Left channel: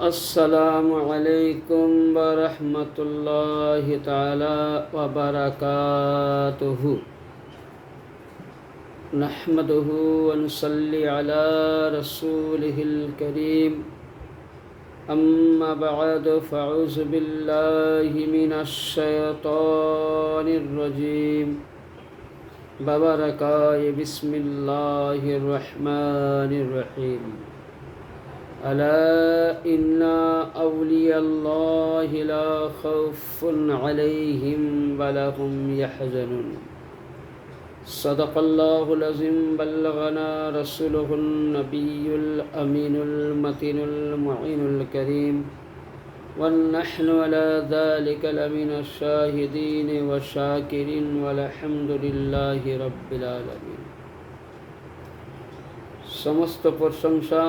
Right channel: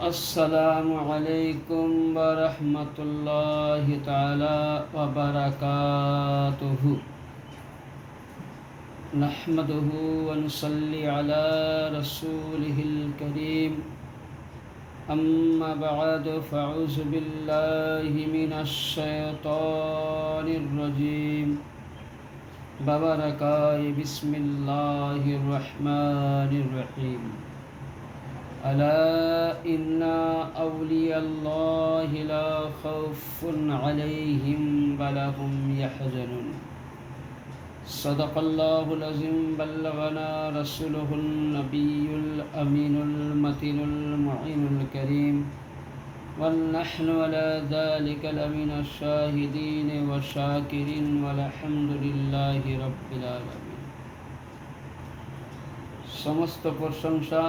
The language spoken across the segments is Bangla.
अस्सलामु अलैकुम वरहमतुल्लाहि ताला वबरकातुहु। नहमदुहु व नुसल्ली अला रसूलिहिल करीम। अम्मा बअद फ़अऊज़ु बिल्लाहि मिनश शैतानिर रजीम। बबरकाय बिस्मिल्लाहिर रहमानिर रहीम। अला इन्ना औलियल्लाहि ला खौफुन अलैहिम वला हुम यहज़नुन। सदक़ल्लाहुल अज़ीम। बल्लगना रसूलुहुन नबियुल अमीनुल मतीनुल मुईनुल करीम। वन्नहनु अला ज़ालिका लमिनश शाहिदीन व शाकिरीन वल्हम्दुलिल्लाहि रब्बिल आलमीन। समस्त प्रशंसा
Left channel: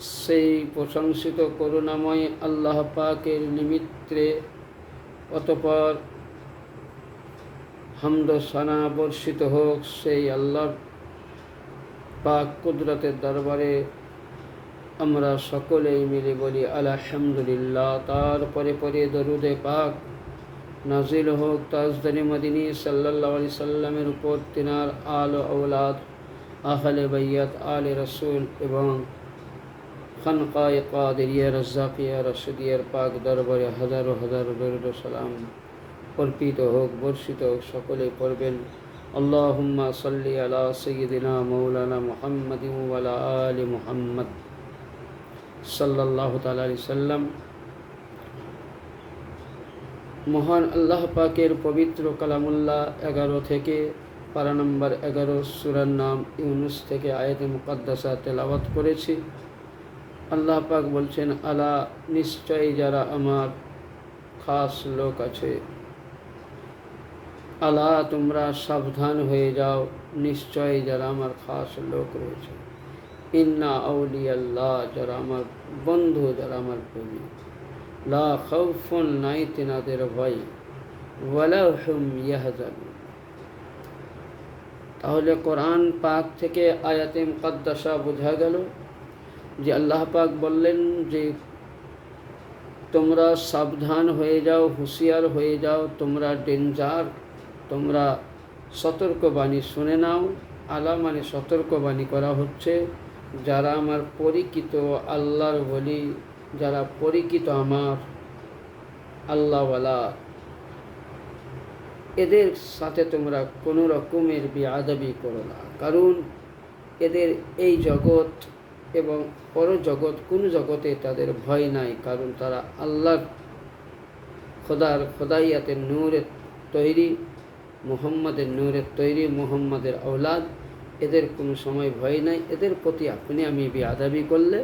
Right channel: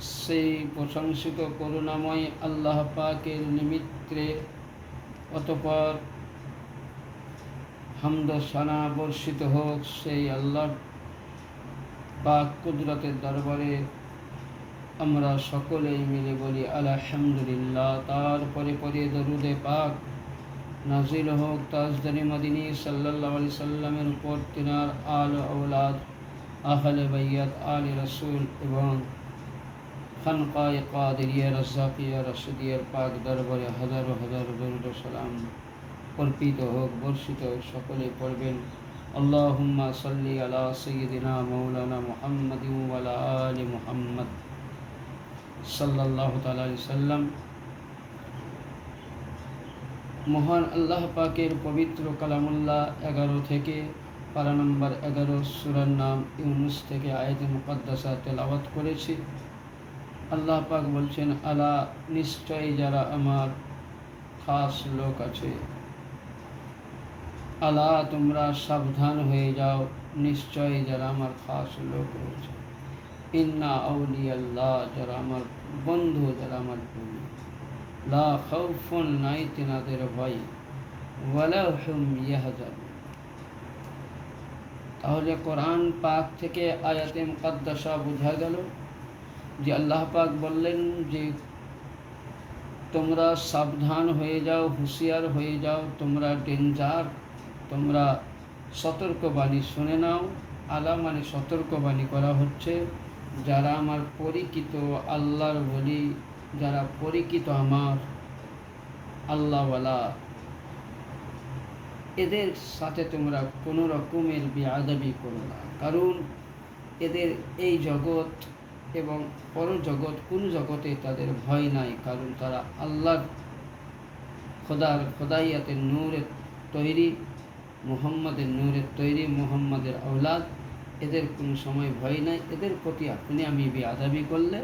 সেই প্রশংসিত করুণাময় আল্লাহ পাকের নিমিত্তে, অতঃপর হামদ সানা বর্ষিত হোক সেই আল্লাহর পাক কুদরতের দরবারে। আমরা সকলেই মিলে বলি আলহামদুলিল্লাহ। তারপরে পরে দরুদে পাক নাজিল হোক তাজদানি মদিনী সাল্লাল্লাহু আলাইহি সাল্লামের উপর, তিনার আল আওলাদ, আহলে বাইয়াত, আলে রসুল এবং খানকায়ে কাদেরিয়া রাজ্জাকিয়া রাশিদিয়ার পাক দরবারে হাজারো হাজার দরুদ ও সালাম অর্পিত হোক, বর্ষিত হোক। সকলেই পড়বেন আল্লাহুম্মা সাল্লি আলা সাইয়্যিদিনা মাওলানা মুহাম্মাদিন ওয়া আলা আলি মুহাম্মদ সাল্লাল্লাহু তাআলা আলাইহি সাল্লাম। মহান আল্লাহ পাকের পবিত্র কালামুল্লাহ 11 থেকে পারা নম্বর 11 সূরার নাম ইউনুস থেকে আয়াতে মুকাদ্দাসা তেলাওয়াত করেছি। আল্লাহ পাক বলছেন, আলা নিশ্চয়ই যারা আমার খাস লোক আছে, আলা তোমরা সাবধান হয়ে যাও, নিশ্চয়ই যারা আমার খাস লোক রয়েছে। ইন্না আউলিয়াল্লাহ, যারা আমার বন্ধু, যারা আমার প্রেমী, লা খাউফুন, নাই তিনাদের ভয়, ওয়ালা হুম ইয়াহজানুন। তাহলে কোরআন পাক থেকে আয়াতে মুকাদ্দাসা বোঝা গেল যে আল্লাহ পাক বললেন যে তোমরা সাবধান হয়ে যাও, হুঁশিয়ার হয়ে যাও, তোমরা ডেঞ্জার, তোমরা সতর্কবাণী শুনে নাও। আলা মানে সতর্কবাণী করা হচ্ছে যারা আমার পরিচিত আল্লাহর বলি, যারা পরিচিত আমার আল্লাহওয়ালা, এদের সাথে তোমরা কোনো রকমের বেয়াদবি করো না। কারণ এদের এই জগৎ এবং পরজগৎ, কোন জগতে তাদের ভয় নাই। কারণ তারা আল্লাহর খোদাইয়াতের নূরের তৈরি, মুহাম্মাদের নূরের তৈরি, মুহাম্মাদের আওলাদ। এদের কোনো সময় ভয় নাই। এদের প্রতি আপনি আমি বেয়াদবি করলে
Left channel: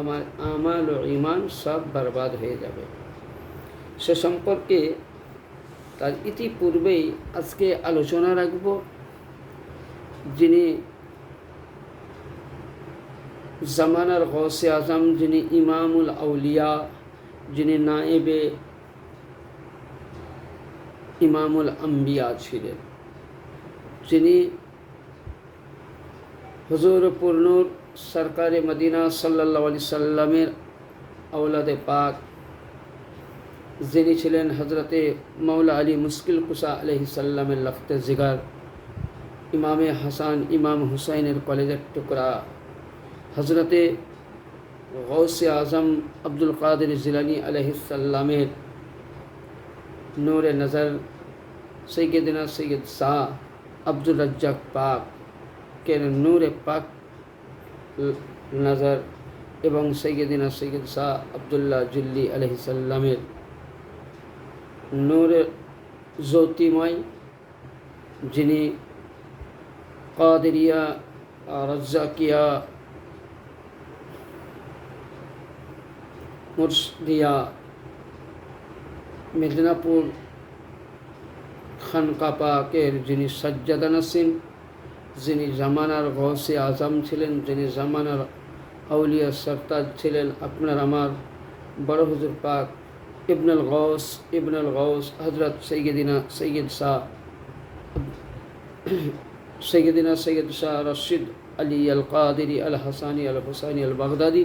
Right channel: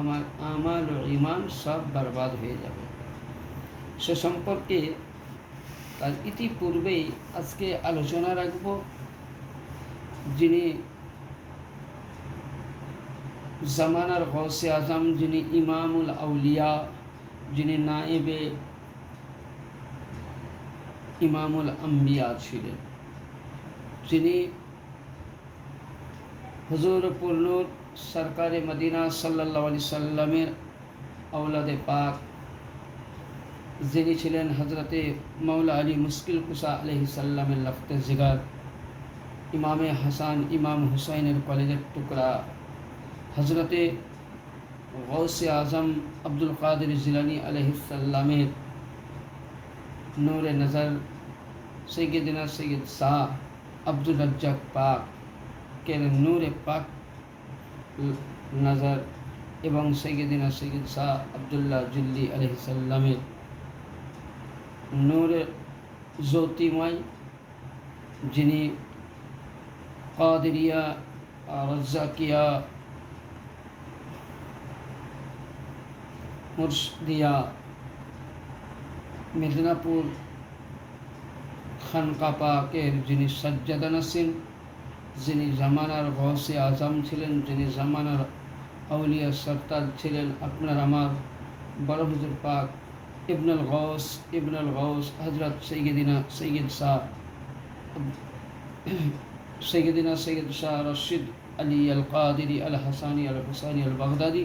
আমার আমাল ও ঈমান সব বরবাদ হয়ে যাবে। সে সম্পর্কে তার ইতিপূর্বেই আজকে আলোচনা রাখব, যিনি জামানার গৌসে আজম, যিনি ইমামুল আউলিয়া, যিনি নায়েবে ইমামুল আম্বিয়া ছিলেন, যিনি হুজুর পুরনুর সরকারে মদিনা সাল্লাল্লাহু আলাইহি সাল্লামের আওলাদে পাক, যিনি ছিলেন হজরতে মৌলা আলী মুশকিল কুশা আলাইহিস সালামের লফতে জিগার, ইমামে হাসান ইমাম হুসাইনের কলেজের টুকরা, হজরতে গৌসে আজম আব্দুল কাদের জিলানী আলাইহিস সালামের নূরে নজর, সৈয়দনা সৈয়দ শাহ আব্দুল রাজ্জাক পাক কে নূরে পাক নজর এবং সৈয়দনা সৈয়দ শাহ আব্দুল্লাহ জিল্লি আলাইহিস সালামের নূরে জ্যোতিময়, যিনি কাদেরিয়া, রাজ্জাকিয়া, মুর্শিদিয়া, মেদিনীপুর খানকা পাকের যিনি সাজ্জাদা নাসিম, যিনি জামানার গৌসে আজম ছিলেন, যিনি জামানার আউলিয়া সরতাজ ছিলেন, আপনার আমার বড় হুজুর পাক ইবনুল গৌস হজরত সৈয়দিনা সৈয়দ শাহ রশিদ আলী আল কাদেরি আল হাসানি আল হুসাইনি আল বাগদাদি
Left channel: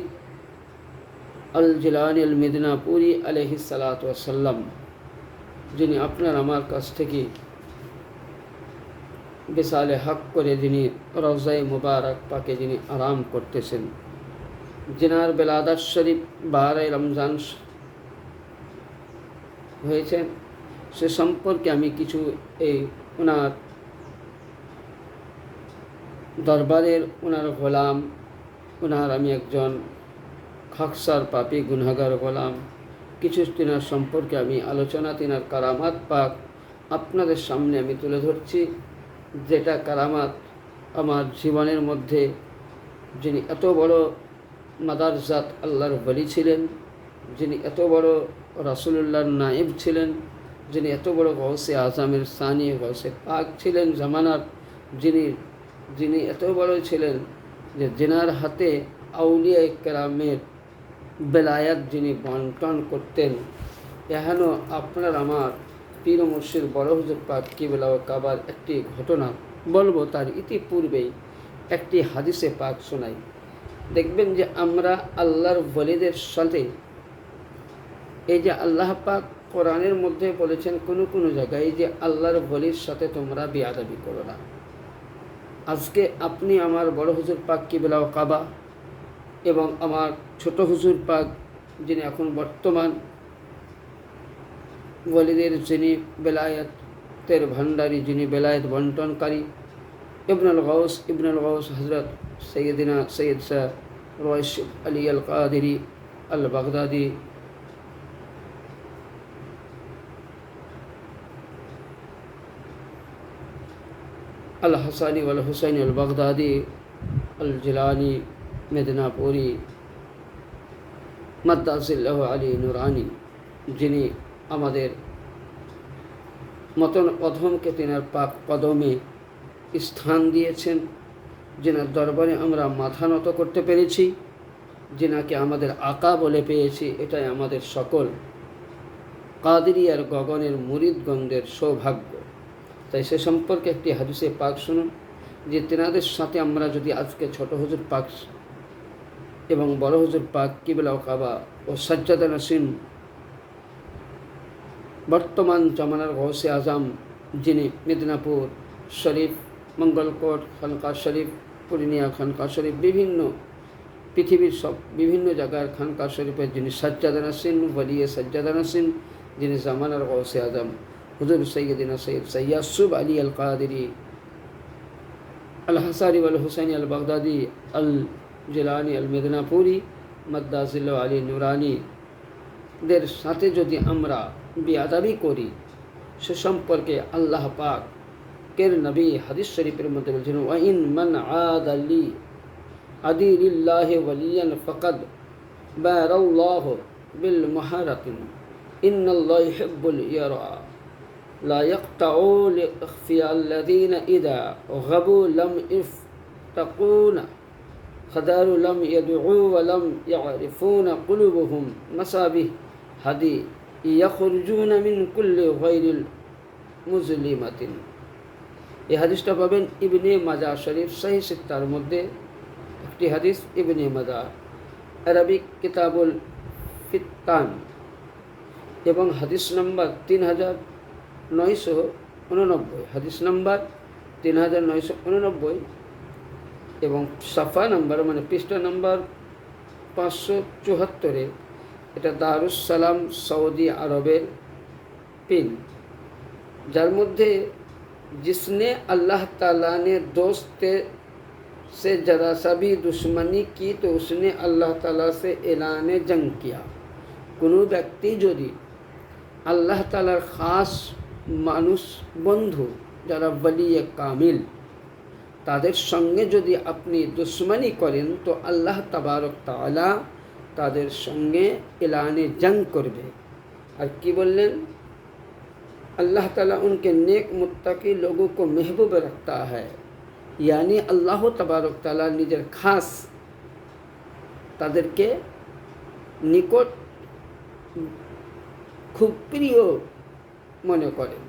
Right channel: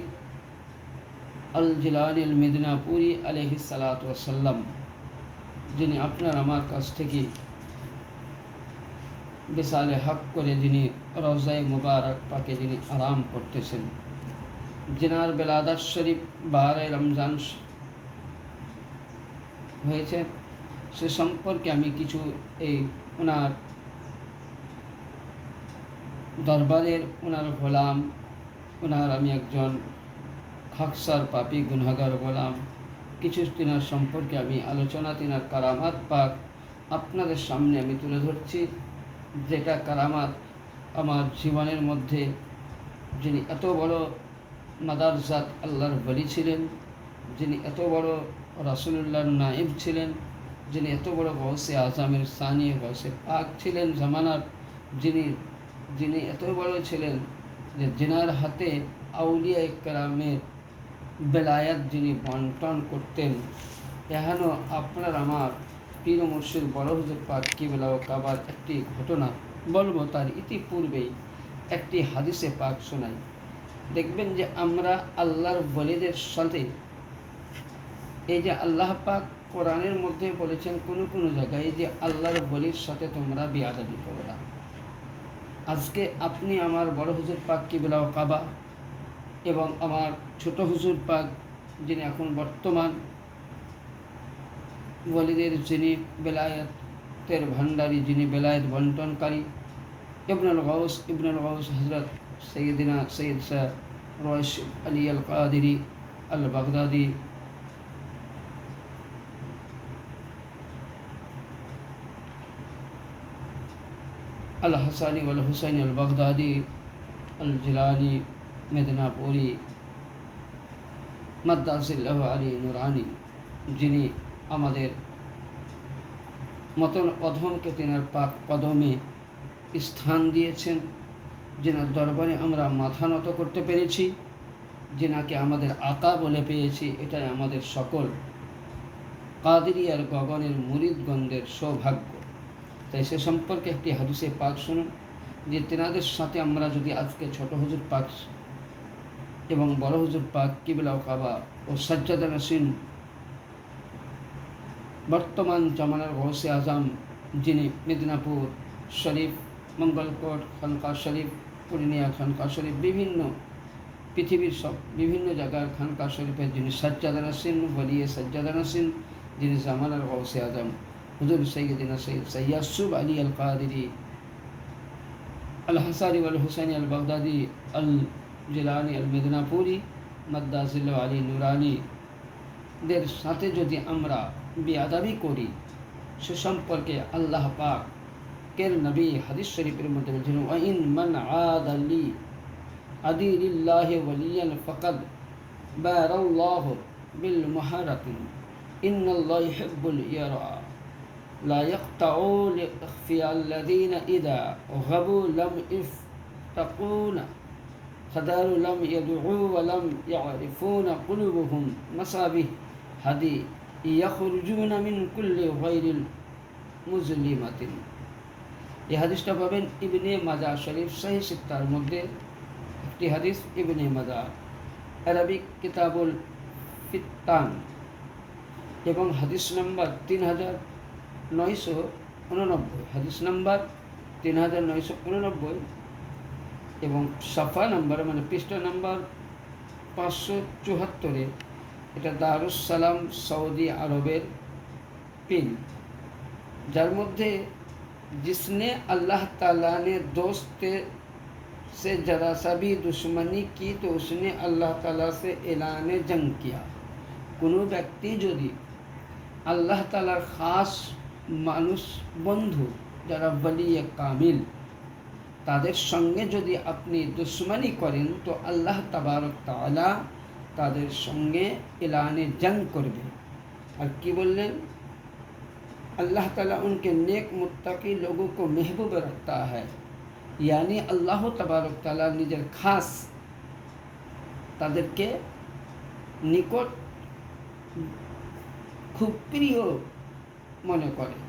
আল জিলানী আল মিদনাপুরি আলাইহিস সালাতু ওয়াস সালাম, যিনি আপনার আমার কাছ থেকে বিসালে হক করে যিনি রওজায়ে মুবারক পাকে যিনি আরাম করতেছেন, जिनार बेलादत शरीफ 12 रमजान হয়েছে, সে সম্পর্কে আমি কিছু এই ওনার দরবারের ওনার গোলাম, ওনার আমি একজন খাকসার পাপী গুনাহগার গোলাম, কিছু তিনার সম্পর্কে আমি আলোচনা, তিনার কারামাত পাক আপনাদের সামনে আমি তুলে ধরছি। যেটা কারামাত আমার জীবনের মধ্যে, যিনি এত বড় মাদারজাত আল্লাহর বলি ছিলেন, যিনি এত বড় রাসূলুল্লাহর নায়েব ছিলেন, যিনি এত বড় গৌসে আজমের সানি গৌসে পাক ছিলেন জামানার, যিনি এত বড় ছিলেন যে যিনার হাতে আউলিয়া কেরামের বেলায়াত যিনি বন্টন করতেন। এহেন আপনার আমার পীর মুর্শিদ বড় হুজুর পাক কিবলা ও কাবার একটি ঘটনা বলবো। তার ইতিপূর্বেই একটি হাদিসে পাক শোনাই। দেখবেন যে আমরা আল্লাহর ওলিদের সাথে, এই যে আল্লাহ পাক কোরআনের মধ্যে বলেছেন কোনো কোনো জায়গায় যে আল্লাহর ওলির সাথে তোমরা বেয়াদবি করো না। আজকে আপনি আমার বড় হুজুর পাক কিবলা ও কাবা এবং আমার ছোট হুজুর পাক, যিনি এখন বর্তমান ওলিদের যিনি বেলায়েতের ভান্ডারী, যিনি বেলায়েত বন্টনকারী, ইবনুল গাউস হজরত সৈয়দিনা সৈয়দ শাহ রয়েশ আলী আল কাদেরি আল বাগদাদি আল হাসানি আল হুসাইনি আল বাগদাদি আল জিলানি মেদিনাপুরি মাদ্দাসিল্লাহ আলী নুরানি, যিনি আমাদের মতন অধমকে তেনার পাক কদমে স্থান দিয়েছেন, যেনার দরবারে আমরা মাথা নত করতে পেরেছি, যেনাকে আমাদের আকা বলে পেয়েছি, এটাই আমাদের সকল কাদেরিয়ার গগনের মুরিদগণদের সৌভাগ্য। তাই সে সম্পর্কে একটি হাদিসে পাক শুনুন, যে তেনাদের সাথে আমরা যদি আজকে ছোট হুজুর পাক এবং বড় হুজুর পাক কিবলা ও কাবা ও সাজ্জাদা নাসিন বর্তমান জামানার গৌসে আজম, যিনি মেদিনীপুর শরীফ, মঙ্গলকোট খানকা শরীফ, পূর্ণিয়া খানকা শরীফ, বিভিন্ন পৃথিবীর সব বিভিন্ন জায়গার খানকা শরীফের যিনি সাজ্জাদা নাসিন, ওলিয়ে সাজ্জাদা নাসিন, যিনি জামানার গৌসে আজম হুজুর সৈয়দিনা সৈয়দ ইয়াসুব আলী আল কাদেরি আল হাসানি আল হুসাইনি আল বাগদাদি আল জিলানি আল মেদিনাপুরি মাদ্দাসিল্লাহ আলী নুরানি দের সাথে যদি আমরা বেয়াদবি করি, সে সম্পর্কে আল্লাহ পাক কের নবী হাদিস শরীফের মধ্যে বলছেন, ওয়াইন মান আদালি আদিলিল্লাহি ওয়ালিয়ান ফাকাদ বারাল্লাহু বিল মুহারাতিন ইন্নাল্লাহা ইউহিব্বুল ইয়ারা লা ইয়াকতাউ লিখফিয়া আল্লাযীনা ইযা গাবু লাম ইফতাকুনা খাদারু লাম ইয়াদউ ওয়া লাম ইয়ারিফুনা কুলুবুহুম মাসাবিহ হাদি ইয়াখরুজুনা মিন কুল্লি গায়রিল মুজলিমাতিন। এই হাদিসটা পাবেন ইবনে মাজা শরীফ সহিহ সিত্তার মধ্যে একটি হাদিস, ইবনে মাজা আরবিক কিতাবুল ফিত্তান এবং হাদিস নম্বর 3989, হাদিস নম্বর 3989 এবং সাফা নাম্বার মানে পৃষ্ঠা নাম্বার 574-এ। এটা দারুস সালাম সৌদি আরবের পিন, যার মধ্যে जिसने अल्लाह ताला ने दोस्त से जरा सा भी दुश्मनी की तो उसने अल्लाह ताला से ऐलान जंग किया। কোনো ব্যক্তি যদি আল্লাহ তাআলার খাস মানুষ বন্ধু যারা ওলিয়ে কামিল, তাদের সঙ্গে যদি আপনি দুশ্মনী করেন তো আল্লাহ তাবারক তাআলা তাদের সঙ্গে এলানে জंग করবে। আর কি বললেন? अल्लाह ताला उनके नेक मुत्तकी लोगों को महबूब रखता है, यानी अल्लाह तबारक ताला निजर खास तादेरके निकट खूब प्रिय मने करे।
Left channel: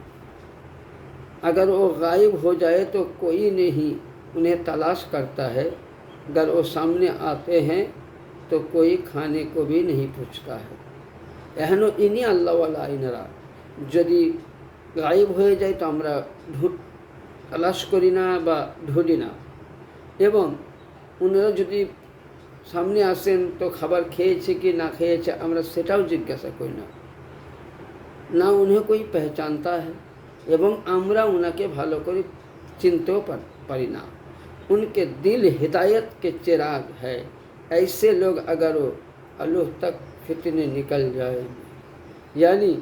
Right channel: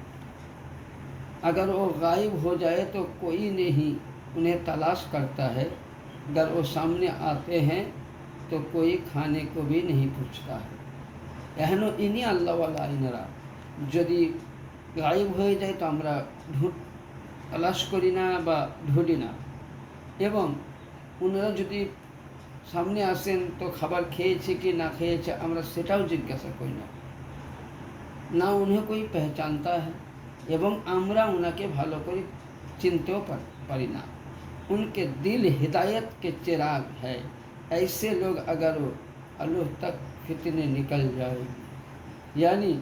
अगर वो गायब हो जाए तो कोई नहीं उन्हें तलाश करता है, अगर वो सामने आते हैं तो कोई खाने को भी नहीं पूछता है। এহেন ইনি আল্লাহওয়ালা ইনারা যদি গায়েব হয়ে যায় তো আমরা তালাশ করি না বা ঢুলি না, এবং ওনারা যদি সামনে আসেন তো খাবার খেয়েছে কি না খেয়েছে আমরা সেটাও জিজ্ঞাসা করি না, না উन्हें कोई पहचानता है এবং আমরা ওনাকে ভালো করে চিনতেও পারি না। उनके दिल हिदायत के चिराग है, ऐसे लोग अगर আল্লাহ तक फितने निकल जाएगी। यानी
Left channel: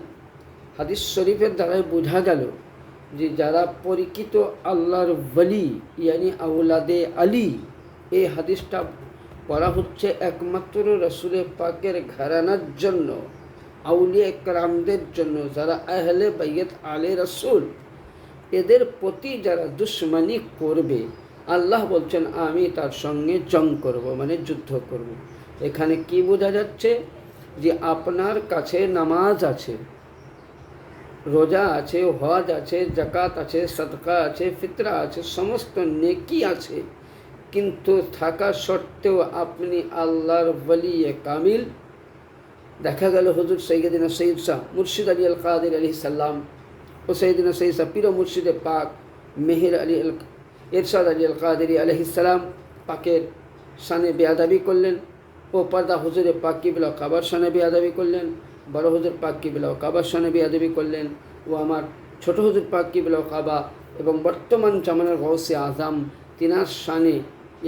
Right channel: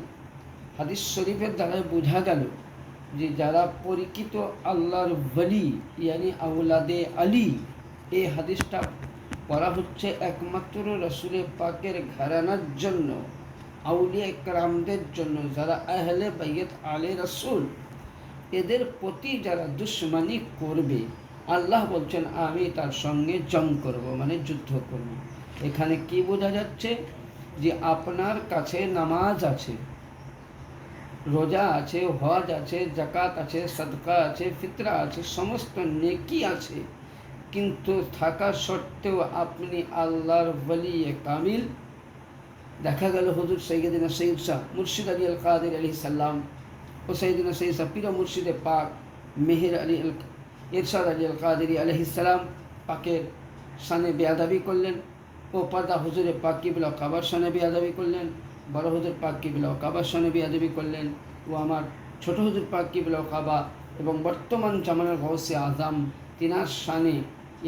হাদিস শরীফের দ্বারাই বোঝা গেল যে যারা পরিচিত আল্লাহর ওয়ালি ইয়ানি আওলাদে আলী, এই হাদিসটা পড়া হচ্ছে একমাত্র রসুলের পাকের ঘরানার জন্য, আউলিয়া একরামদের জন্য, যারা আহলে বাইত আলে রসুল, এদের প্রতি যারা দুশ্মনী করবে আল্লাহ বলছেন আমি তার সঙ্গে জং করব, মানে যুদ্ধ করব। এখানে কি বোঝা যাচ্ছে যে আপনার কাছে নামাজ আছে, রোজা আছে, হজ আছে, জাকাত আছে, সদকা আছে, ফিতরা আছে, সমস্ত নেকি আছে, কিন্তু থাকা সত্ত্বেও আপনি আল্লাহর ওয়ালি কামিল। দেখা গেল হুজুর সৈয়দিনা সৈয়দ শাহ মুর্শিদ আলী আল কাদের আলাইহিস সালাম ও সৈয়দিনা সৈয়দ শাহ পীর মুর্শিদে পাক মেহের আলী ইরশাদ আলী আল কাদেরি আলাইহিস সালাম পাকের শানে বেয়াদবি করলেন, ও পর্দা হুজুরে পাক কিবলা কাবার শানে বেয়াদবি করলেন, বড় হুজুর পাক কিবলা কাবার শানে বেয়াদবি করলেন, ও আমার ছোট হুজুর পাক কিবলা কাবা এবং বর্তমান জামানার গৌসে আজম তিনার শানে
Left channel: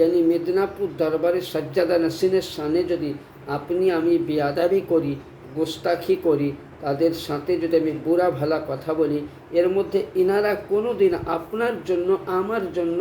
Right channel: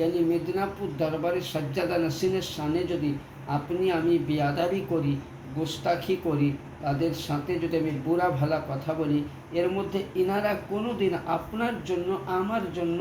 यानी মেদিনীপুর দরবারের সজ্জাদা নসিনের শানে যদি আপনি আমি বেয়াদবি করি, গোস্তাখি করি, তাদের সাথে যদি আমি বুড়া ভালা কথা বলি, এর মধ্যে ইনারা কোনো দিন আপনার জন্য আমার জন্য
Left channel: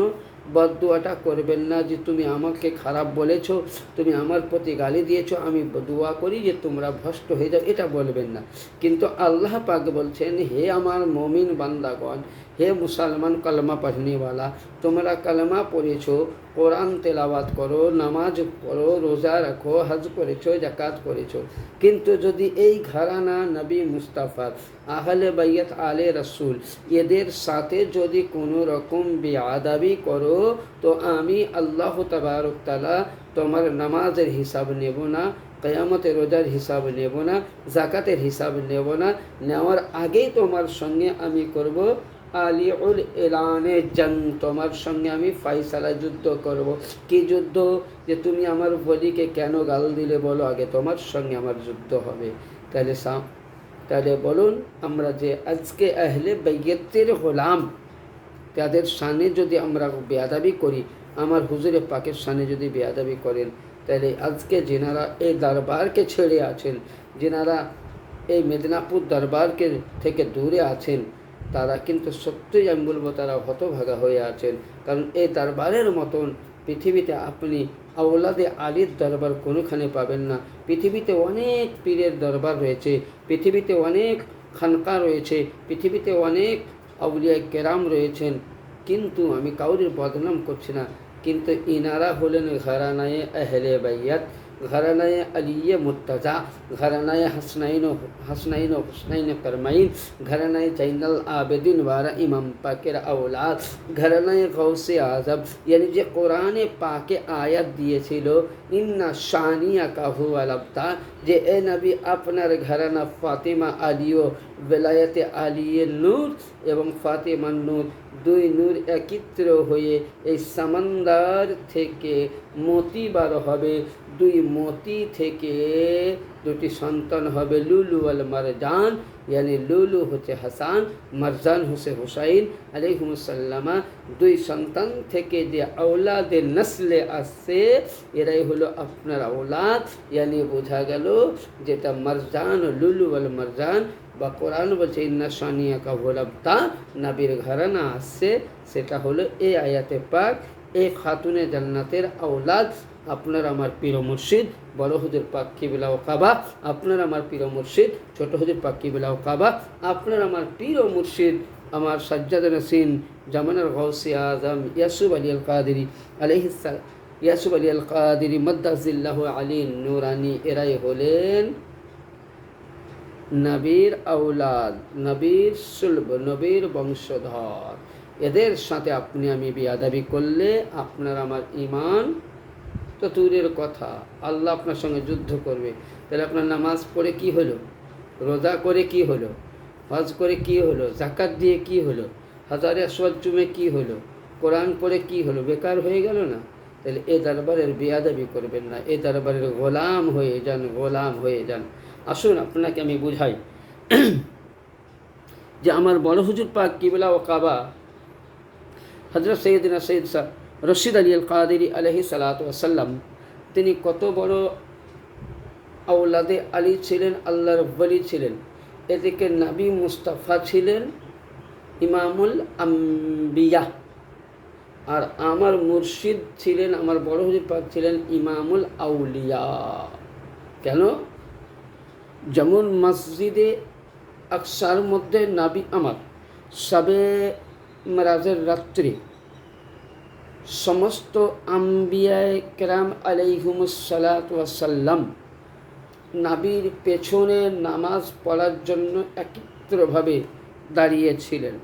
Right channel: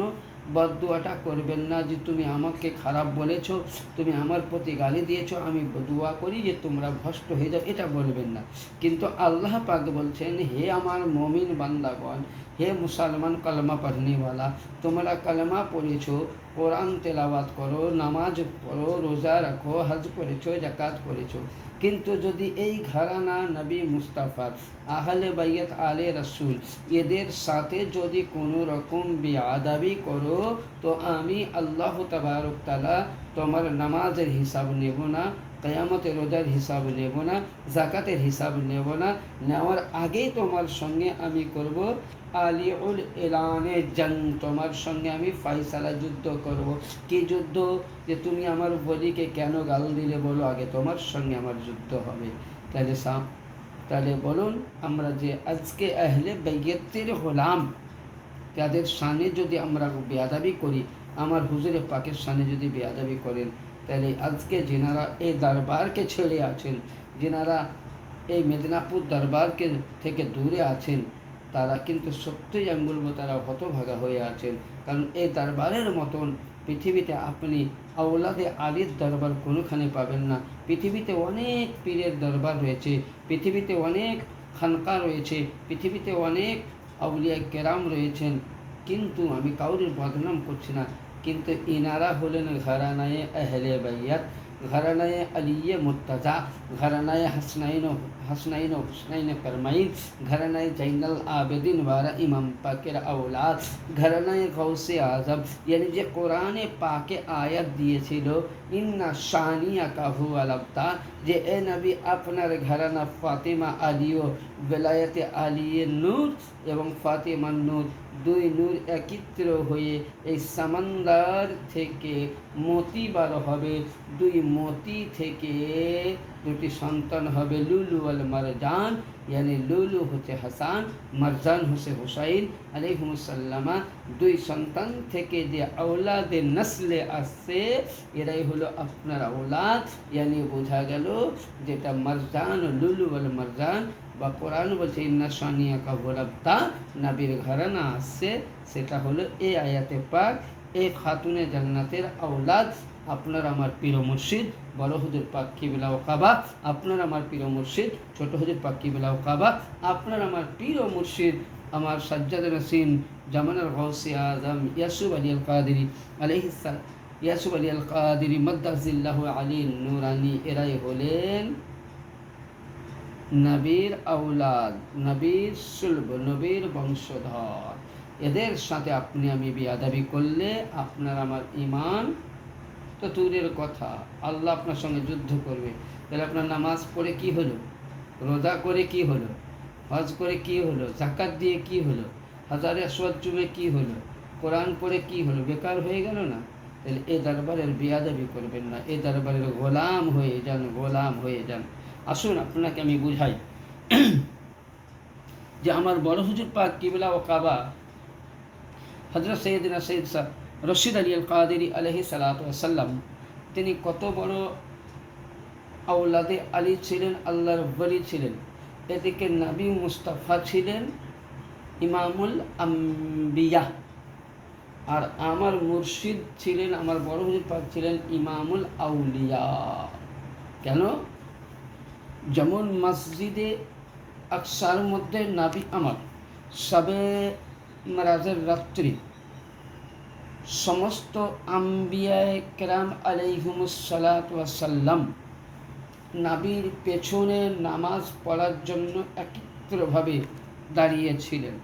বদদুয়াটা করবেন না যে তুমি আমাকে খারাপ বলেছো, তুমি আমার প্রতি গালি দিয়েছো, আমি দোয়া করি যে তোমরা ভ্রষ্ট হয়ে যাও, এটা বলবেন না। কিন্তু আল্লাহ পাক বলছেন হে আমার মমিন বান্দাগণ, হে মুসলমান কলমা পড়নেওয়ালা, তোমরা কলমা পড়েছো, কোরআন তেলাওয়াত করো, নামাজ পড়ো, রোজা রাখো, হজ করেছো, জাকাত করেছো, কিন্তু যদি এই ঘরানা নবী মুস্তাফার আহলে বাইত আলে রসুল এদের সাথে যদি কোনো রকম বেয়াদবি করো তো আমি আল্লাহ তাবারক তাআলা তোমার নামাজের হিসাব নেব না, কিয়ামতের রোজার হিসাব নেব না, জাকাতের হিসাব নেব না, নেওয়ার আগেই তোমার সঙ্গে আমি করব আলিউল এলানে জং, তোমার সঙ্গে আমি ফাইসালা যুদ্ধ করব। কি যুদ্ধ? যে তুমি আমার বলিকে কেন গাল দিলে বলো, আগে তোমার সঙ্গে আমার যুদ্ধ হবে। তাহলে বলুন, আমরা যে আজকে আহলে বাইতের গোলাম, তাদের সামনে যদি আমরা বেয়াদবি করি, আমার হুজুরে পাকের সামনে যদি বেয়াদবি করেন, তাহলে আজকে যেনারা এই দরবারকে ছেড়ে আছেন, যেনারা এই মেদিনীপুর দরবারকে থেকে দূরে আছেন, তারা কিন্তু সত্যিই আমি বলবো তারা হতভাগা হয়ে আছেন। কারণ এই দরবারের মতন পৃথিবীতে আপনি আওলাদে আলীর দরবার কোনোখানে পাবেন না। পৃথিবীতে অনেক পীরের দরবার রয়েছে, পৃথিবীতে অনেক খানকা রয়েছে, পৃথিবীতে অনেক আউলিয়া কেরাম রয়েছেন, কিন্তু আমি কাউরির বদনাম করছি না, কিন্তু ইনারা হলেন ঘরানায়ে আহলে বাইত, ঘরানায়ে আলিয়ে মুর্তজা, ঘরানায়ে হাসনাইন হুসনাইন করমাইন, ঘরানায়ে জাইনাল আবেদিন ওয়ারা ইমাম পাকের আওলাদ, ঘরানায়ে গৌসে আজম। यानी যে কোরআনে পাকে আয়াত দিয়েছিল ইন্না শানিয়া কাহু আলাবতা, যে এ নবী আপনার ঘরানা ফাতিমা আলিও বেলায়েতে আলিয়ে নূর এবং ফাতিমা নূর, দুই নূর একত্র হয়ে এই সামান্দার থেকে মতি বার হবে, দুই মতি থেকে দুটি সন্তান হবে লুলু আল মারজান, यानी লুলু হচ্ছে হাসান, মারজান হচ্ছে হুসাইন আলাইহিমুসসালামা। দুই সন্তান থেকে যে আওলাদে নসলে আসছে এরাই হলো আপনার আওলাদ। यानी বোঝা গেল যেটা মারজান, লুলু আল মারজান বা কোরআন বলছে ইন্না শানিয়া কা গোলাবতা, নবীর ঘরানা আসছে, সেটা হলো এই আয়াতে পাক, এই খাতুনে জান্নাতের আওলাদ। আপনার আমার পীর মুর্শিদ বড় হুজুর পাক কিবলা ও কাবা, আপনার আমার পীর মুর্শিদ ছোট হুজুর পাক কিবলা ও কাবা, আপনার আমার পীর মুর্শিদ আমার সাজ্জাদা নসিন জামানার গৌসে আজম ইয়াসুফ আলী আল কাদেরি আলাইহিস সালাম, ইয়াসুফ আলী আল কাদেরি মাদ্দাজিল্লাহু আলী নুরানি, এরাই হলেন নবীর আওলাদ, নবীর সুলব, নবীর বংশধর। এদের সাথে আপনি আমি বেয়াদবি করলে আপনার আমার ঈমান তো দূরের কথা, আল্লাহ আপনার সঙ্গে যুদ্ধ করবে। তাহলে আপনার নামাজ পড়ে কি হলো, রোজা করে কি হলো, হজ করে কি হলো, জাকাত দিয়ে কি হলো, হাজারে আসওয়াদ চুমে কি হলো, কোরআন পড়ে কি হলো, বেকার হয়ে গেল না? তাহলে এ দরবারের বেয়াদবি করবেন না, এ দরবারের গোলাম হয়ে যান, গোলাম হয়ে যান। আসুন আপনাকে আমি বুঝাই যে আমার বড় হুজুর পাক কিবলা ও কাবা হজরত সৈয়দিনা সৈয়দ শাহ রশিদ আলী আল কাদেরি আলহি সালাতু ওয়াসাল্লাম, তিনি কত বড় আওলাদে আলী ছিলেন, আল্লাহর ওলি ছিলেন। এদিকে নবী মুস্তাফা ছিলেন ইমামুল আম্বিয়া, আর আমার মুর্শিদ ছিলেন, আমার বড় হুজুর পাক ছিলেন ইমামুল আউলিয়া। কেন? যেমন মসজিদে আকসার মধ্যে নবী আমার সবে মেরাজের রাত্রি সমস্ত আম্বিয়ায়ে কেরাম আলাইহিমুস সালাতু ওয়াসাল্লাম নবীর পেছনে নামাজ পড়ার জন্য একত্রভাবে দাঁড়িয়েছিলেন।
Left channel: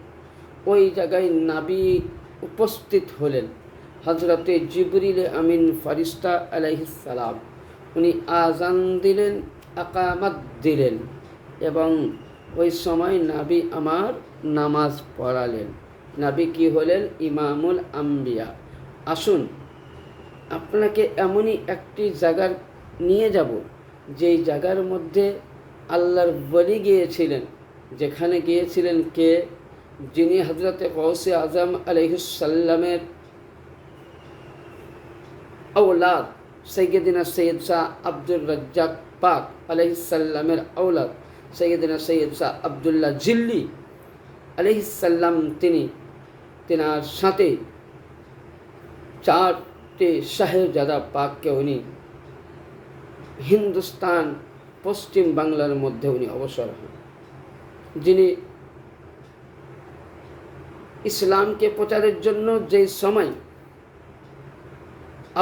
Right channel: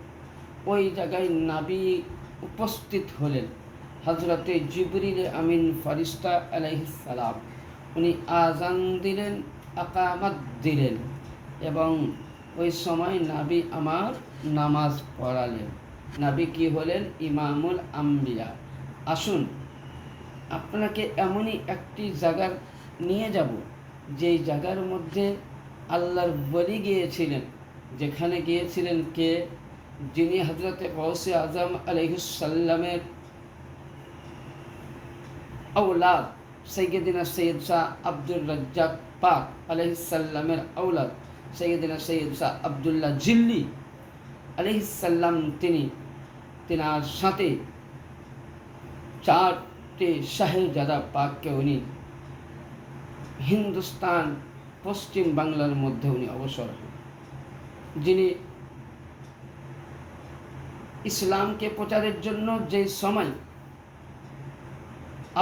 ওই জায়গায় নবী উপস্থিত হলেন। হজরতে জিবরিল আমিন ফারিস্তা আলাইহিস সালাম, উনি আজান দিলেন, আকামাত দিলেন, এবং ওই সময় নবী আমার নামাজ পড়ালেন। নবী কি হলেন? ইমামুল আম্বিয়া। আসুন আপনাকে এমনই একটি জায়গার নিয়ে যাব, যেই জায়গার মধ্যে আল্লাহর ওলি গিয়েছিলেন, যেখানে গিয়েছিলেন কে? যিনি হজরতে গৌসে আজম আলাইহিস সাল্লামের औलाद सैयदना सैयद शाह আব্দুর রাজ্জাক পাক আলাইহিস সাল্লামের औलाद সৈয়দনা সৈয়দ শাহ আবদুল্লাহ জিল্লি আলাইহিস সাল্লাম, তিনি তেনার সাথে চারটে শাহজাদা পাককে উনি হিন্দুস্তান পশ্চিম বাংলার মধ্যে উনি অবসর হন। যিনি ইসলামকে প্রচারের জন্য যে সময়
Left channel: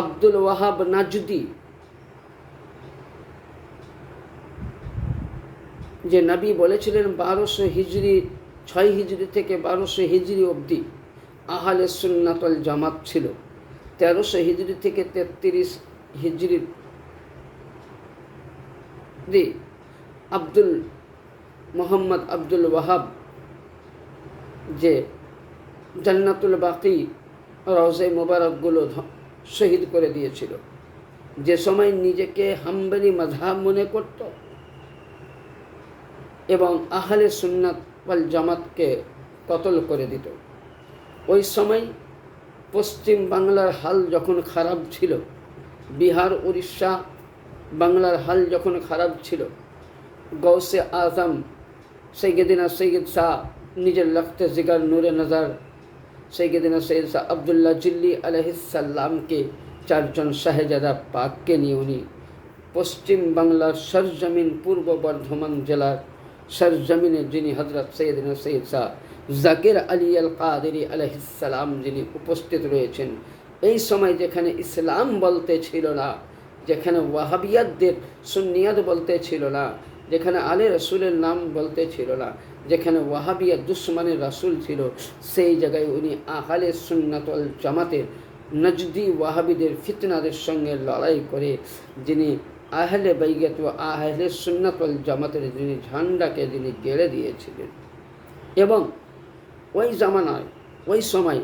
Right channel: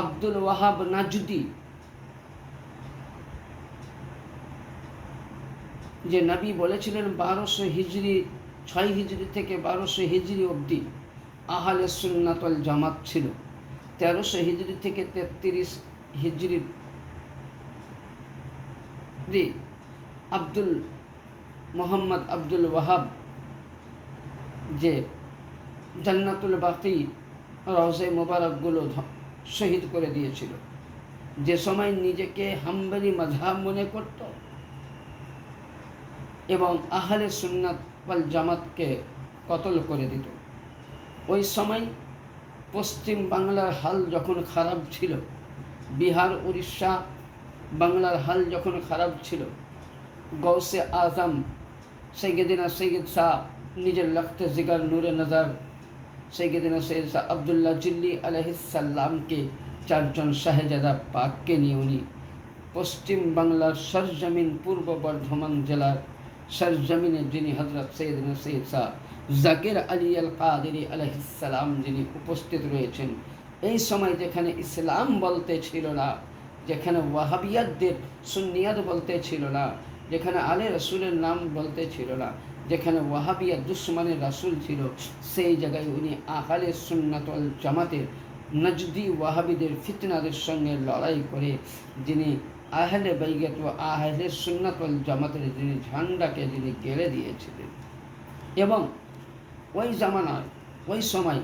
আব্দুল ওয়াহাব নাজদি, যে নবী বলেছিলেন 1200 হিজরি 6 হিজরি থেকে 1200 হিজরি অবধি আহলে সুন্নাত ওয়াল জামাত ছিল, 1300 হিজরি থেকে 33 হিজরি আব্দুল মোহাম্মদ আব্দুল ওয়াহাব যে জান্নাতুল বাকি রওজা মোবারকগুলো শহীদ করে দিয়েছিল, যে সময় নিজেকে হাম্বলি মাযহাব মনে করত এবং আহলে সুন্নাত ওয়াল জামাতকে কতল করে দিত। ওই সময় পশ্চিম বাংলার হাল যখন খারাপ ছিল, বিহার উড়িষ্যা বাংলার হাল যখন খারাপ ছিল, গৌসে আজম সৈয়দনা সৈয়দ শাহ নিজের লখতে জিগার নূরে নজর সৈয়দনা সৈয়দ শাহ আবদুল্লাহ জিল্লি আলাইহিস সাল্লামকে চারজন শাহজাদা পাককে নিয়ে উনি পশ্চিম বাংলার সরজমিন পূর্ব বর্ধমান জেলার সরজমিনে, যিনি হজরত সৈয়দনা সৈয়দ শাহ জাকির আলী আল কাদেরি আলাইহিস সালাম যিনি উপস্থিত রয়েছেন, এই সময় যেখানে ইসলাম বলতে ছিল না, যেখানে ওয়াহাবিয়াতদের সুন্নিয়াত বলতে ছিল না, যেখানে আলে রসুলের নাম বলতে ছিল না, যেখানে ওয়াহাবিয়া দুশ্মনের রাসূল ছিল, সেই জায়গায় উনি আহলে সুন্নাত ওয়াল জামাতের নজদি ওয়াহাবিদের ফিতনাদের সঙ্গে লড়াই করে যিনি আহলে বাইয়াত ও আহলে সুন্নাত ওয়াল জামাতের যিনি ঝান্ডাকে যিনি গেড়ে দিয়েছিলেন। এবং ওই জামানায় ওই সময়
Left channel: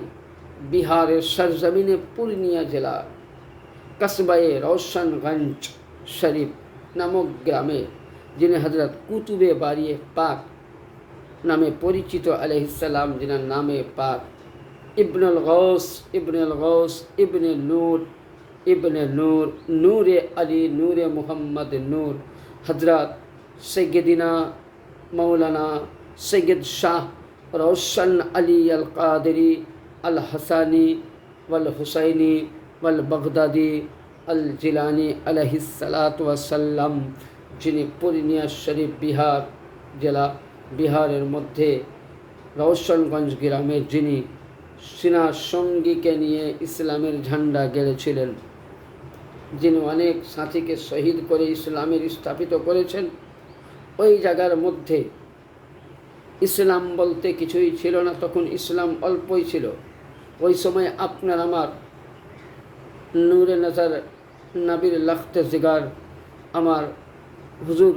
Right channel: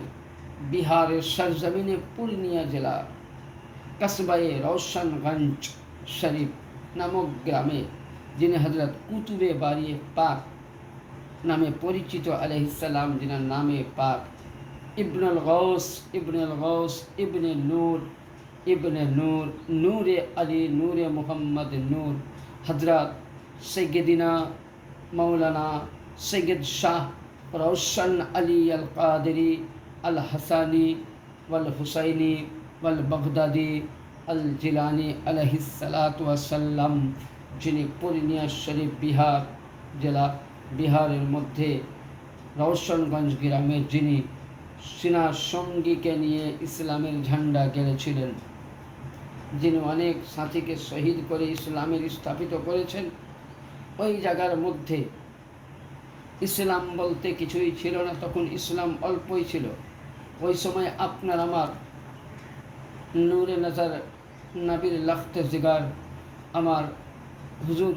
বিহারের সরজমিনে পূর্ণিয়া জেলা কসবায়ে রওশনগঞ্জ শরীফ নামক গ্রামে যিনি হজরত কুতুবে বারিয়ে পাক নামে পরিচিত আলাইহিস সালাম, যিনার নামে পাক ইবনুল গৌস ইবনে নূর ইবনে নূর নূরে আলী নূরে মুহাম্মদ নূর হজরত সৈয়দিনা মৌলানা সৈয়দ শাহ রওশন আলী আল কাদেরি আল হাসানি ওয়াল হুসাইনি ওয়াল বাগদাদি আল জিলানি আলাইহিস সালাতু ওয়াসাল্লাম, যিনি পূর্ণিয়া শরীফ বিহার জেলা, বিহারের মধ্যে রওশনগঞ্জ গ্রামের যিনি সিনা সঙ্গীকে নিয়ে ইসলামের ঝান্ডা গেড়েছিলেন, যিনি অনেক সাথীকে শহীদ করে ইসলামের স্থাপিত করেছেন। ওই জায়গার মধ্যে ইসলাম বলতে কিছুই ছিল না, তখন ইসলাম অল্পই ছিল। ওই সময় আপনার আমার নূরে নজর নবীর লখতে জিগার আমার হুজুর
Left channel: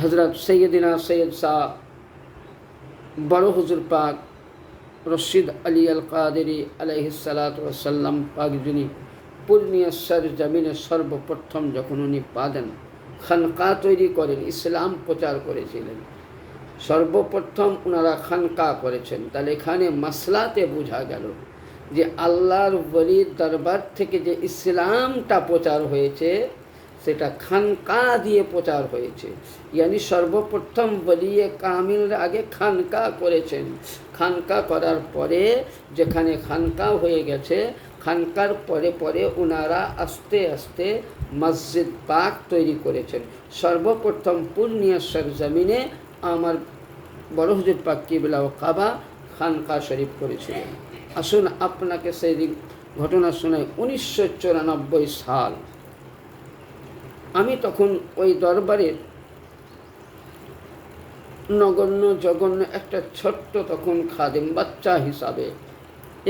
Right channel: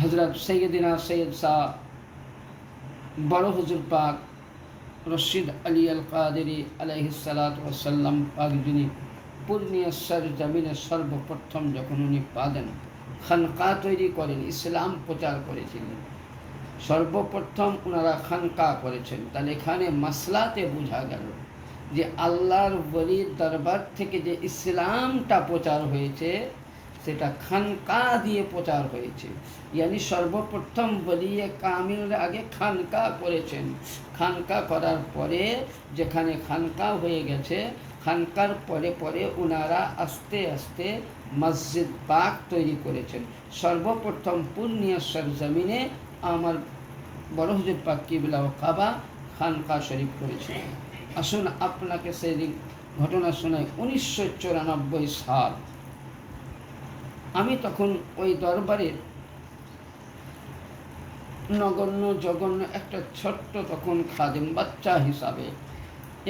হজরত সৈয়দিনা সৈয়দ শাহ বড় হুজুর পাক রশিদ আলী আল কাদেরি আলাইহিসসালাতু ওয়াসসালাম পাক, যিনি পূর্ণিয়া সরজমিনে সর্বপ্রথম যখন উনি পা দেন, খানকা তৈরি করেন, ইসলাম প্রচার করেছিলেন, সর্বপ্রথম ওনারা খানকা করেছেন। তাহলে এখানে মাসলাতে বোঝা গেল যে আল্লাহর ওলির দরবার থেকে যে ইসলামটা প্রচার হয়েছে সেটা খানকা দিয়ে প্রচার হয়েছে। ইয়ানি সর্বপ্রথম ওলিয়ে কামিল আগে খানকা করেছেন। খানকা করার পরে যেখানে খানকা হয়ে গেছে, খানকার পরে পরে ওনারা আস্তে আস্তে মসজিদ পাক তৈরি করেছেন। সর্বপ্রথম পূর্ণিয়া সরজমিনে আমার বড় হুজুর পাক কিবলা ও কাবা খানকা শরীফ করেছিলেন। আসুন আপনাকে সেই দিন ঘটনা শোনাই। 1994 সাল, আমি তখন ওই দরবারের নগণ্য জঘন্য একটা ছোট্ট তখন খাদেম বাচ্চা হিসাবে,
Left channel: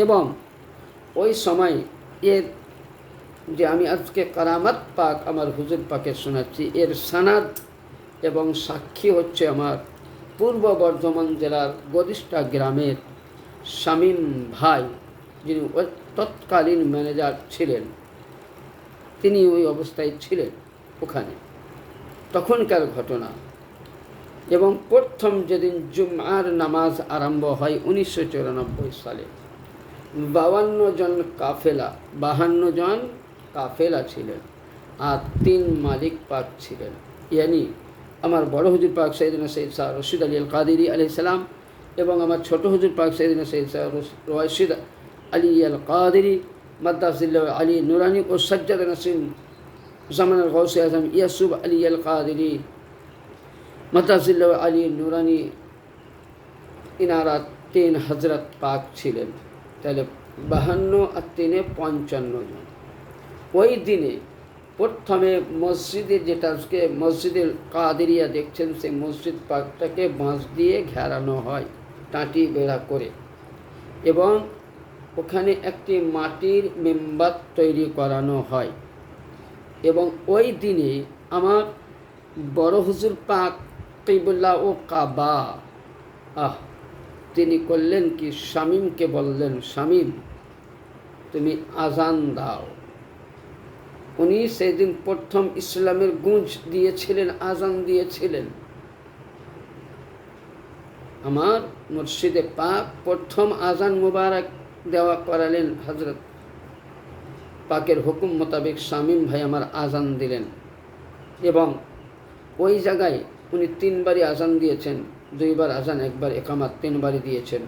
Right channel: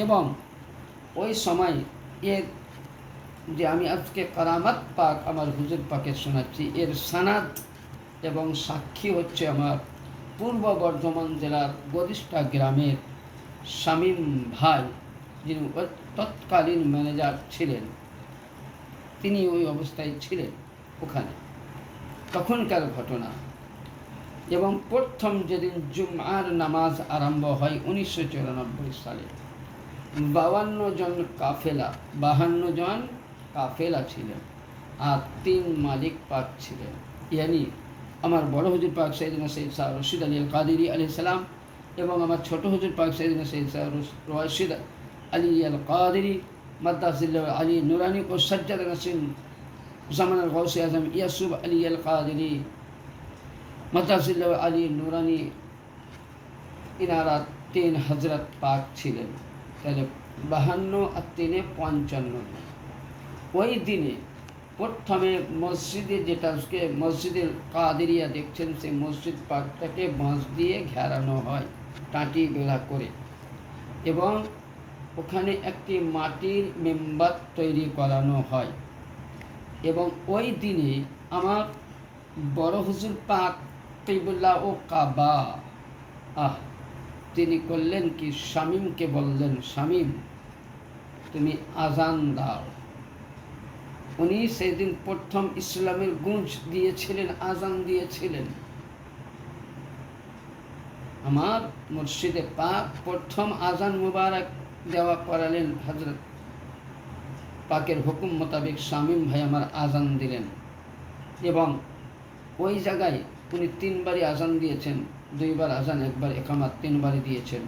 এবং ওই সময় এর যে আমি আজকে কারামাত পাক আমার হুজুর পাকে শোনাচ্ছি, এর সানাদ এবং সাক্ষী হচ্ছে আমার পূর্ব বর্ধমান জেলার গদিষ্ঠা গ্রামের শামীম ভাই, যিনি তৎকালীন ম্যানেজার ছিলেন। তিনি ওই অবস্থায় ছিলেন ওখানে, তখনকার ঘটনা। এবং প্রথম যেদিন জুমার নামাজ আরম্ভ হয় 1994 সালে, 52 জন কাফেলা, 52 জন কাফেলা ছিলেন, আর 3 মালিক পাক ছিলেন। ইয়ানি আমার বড় হুজুর পাক সৈয়দনা সৈয়দ শাহ রশিদ আলী আল কাদেরি আলাইহিস সালাম, এবং আমার ছোট হুজুর পাক সৈয়দনা সৈয়দ শাহ রশিদ আলী আল কাদেরি মাদ্দাজিল্লাহ আলী নুরানি ও সজ্জাদ নাসিম জামানার গৌসে আজম ইয়াসুব আলী আল কাদেরি মাদ্দাজিল্লাহ আলী নুরানি, ইনারা 3 হজরত পাক ছিলেন। তাহলে 52 আর 3 55 জন। ওই দিনে প্রথমে মসজিদে, যেটা আজকে মসজিদের কাদেরিয়া দেখছেন, সেই মসজিদ পাকটাকে বাঁশ দিয়ে ঘেরানো হয় টাঁটি বেড়া করে, এবং ওখানে একটি মাটির মেম্বার তৈরি করানো হয়। এবং ওই দিনে আমার বড় হুজুর পাক কিবলা ও কাবা তিনি করলেন কি, শামীমকে বললেন, শামীম তুমি আজান দাও। উনি সেদিন প্রথম ইসলামের গুঞ্জ দিয়েছিলেন, আজান দিয়েছিলেন। আমার মুর্শিদে পাক প্রথম আজান মুবারক দেওয়া করালেন, হজরত পাকের হুকুম মোতাবেক শামীম ভাই আমার আজান দিলেন। এবং ওই জায়গায় উনি 3 বারই আজান দিয়েছেন, 2 বার আজান, 1 বার একামাত, 3 বারই দিয়েছেন।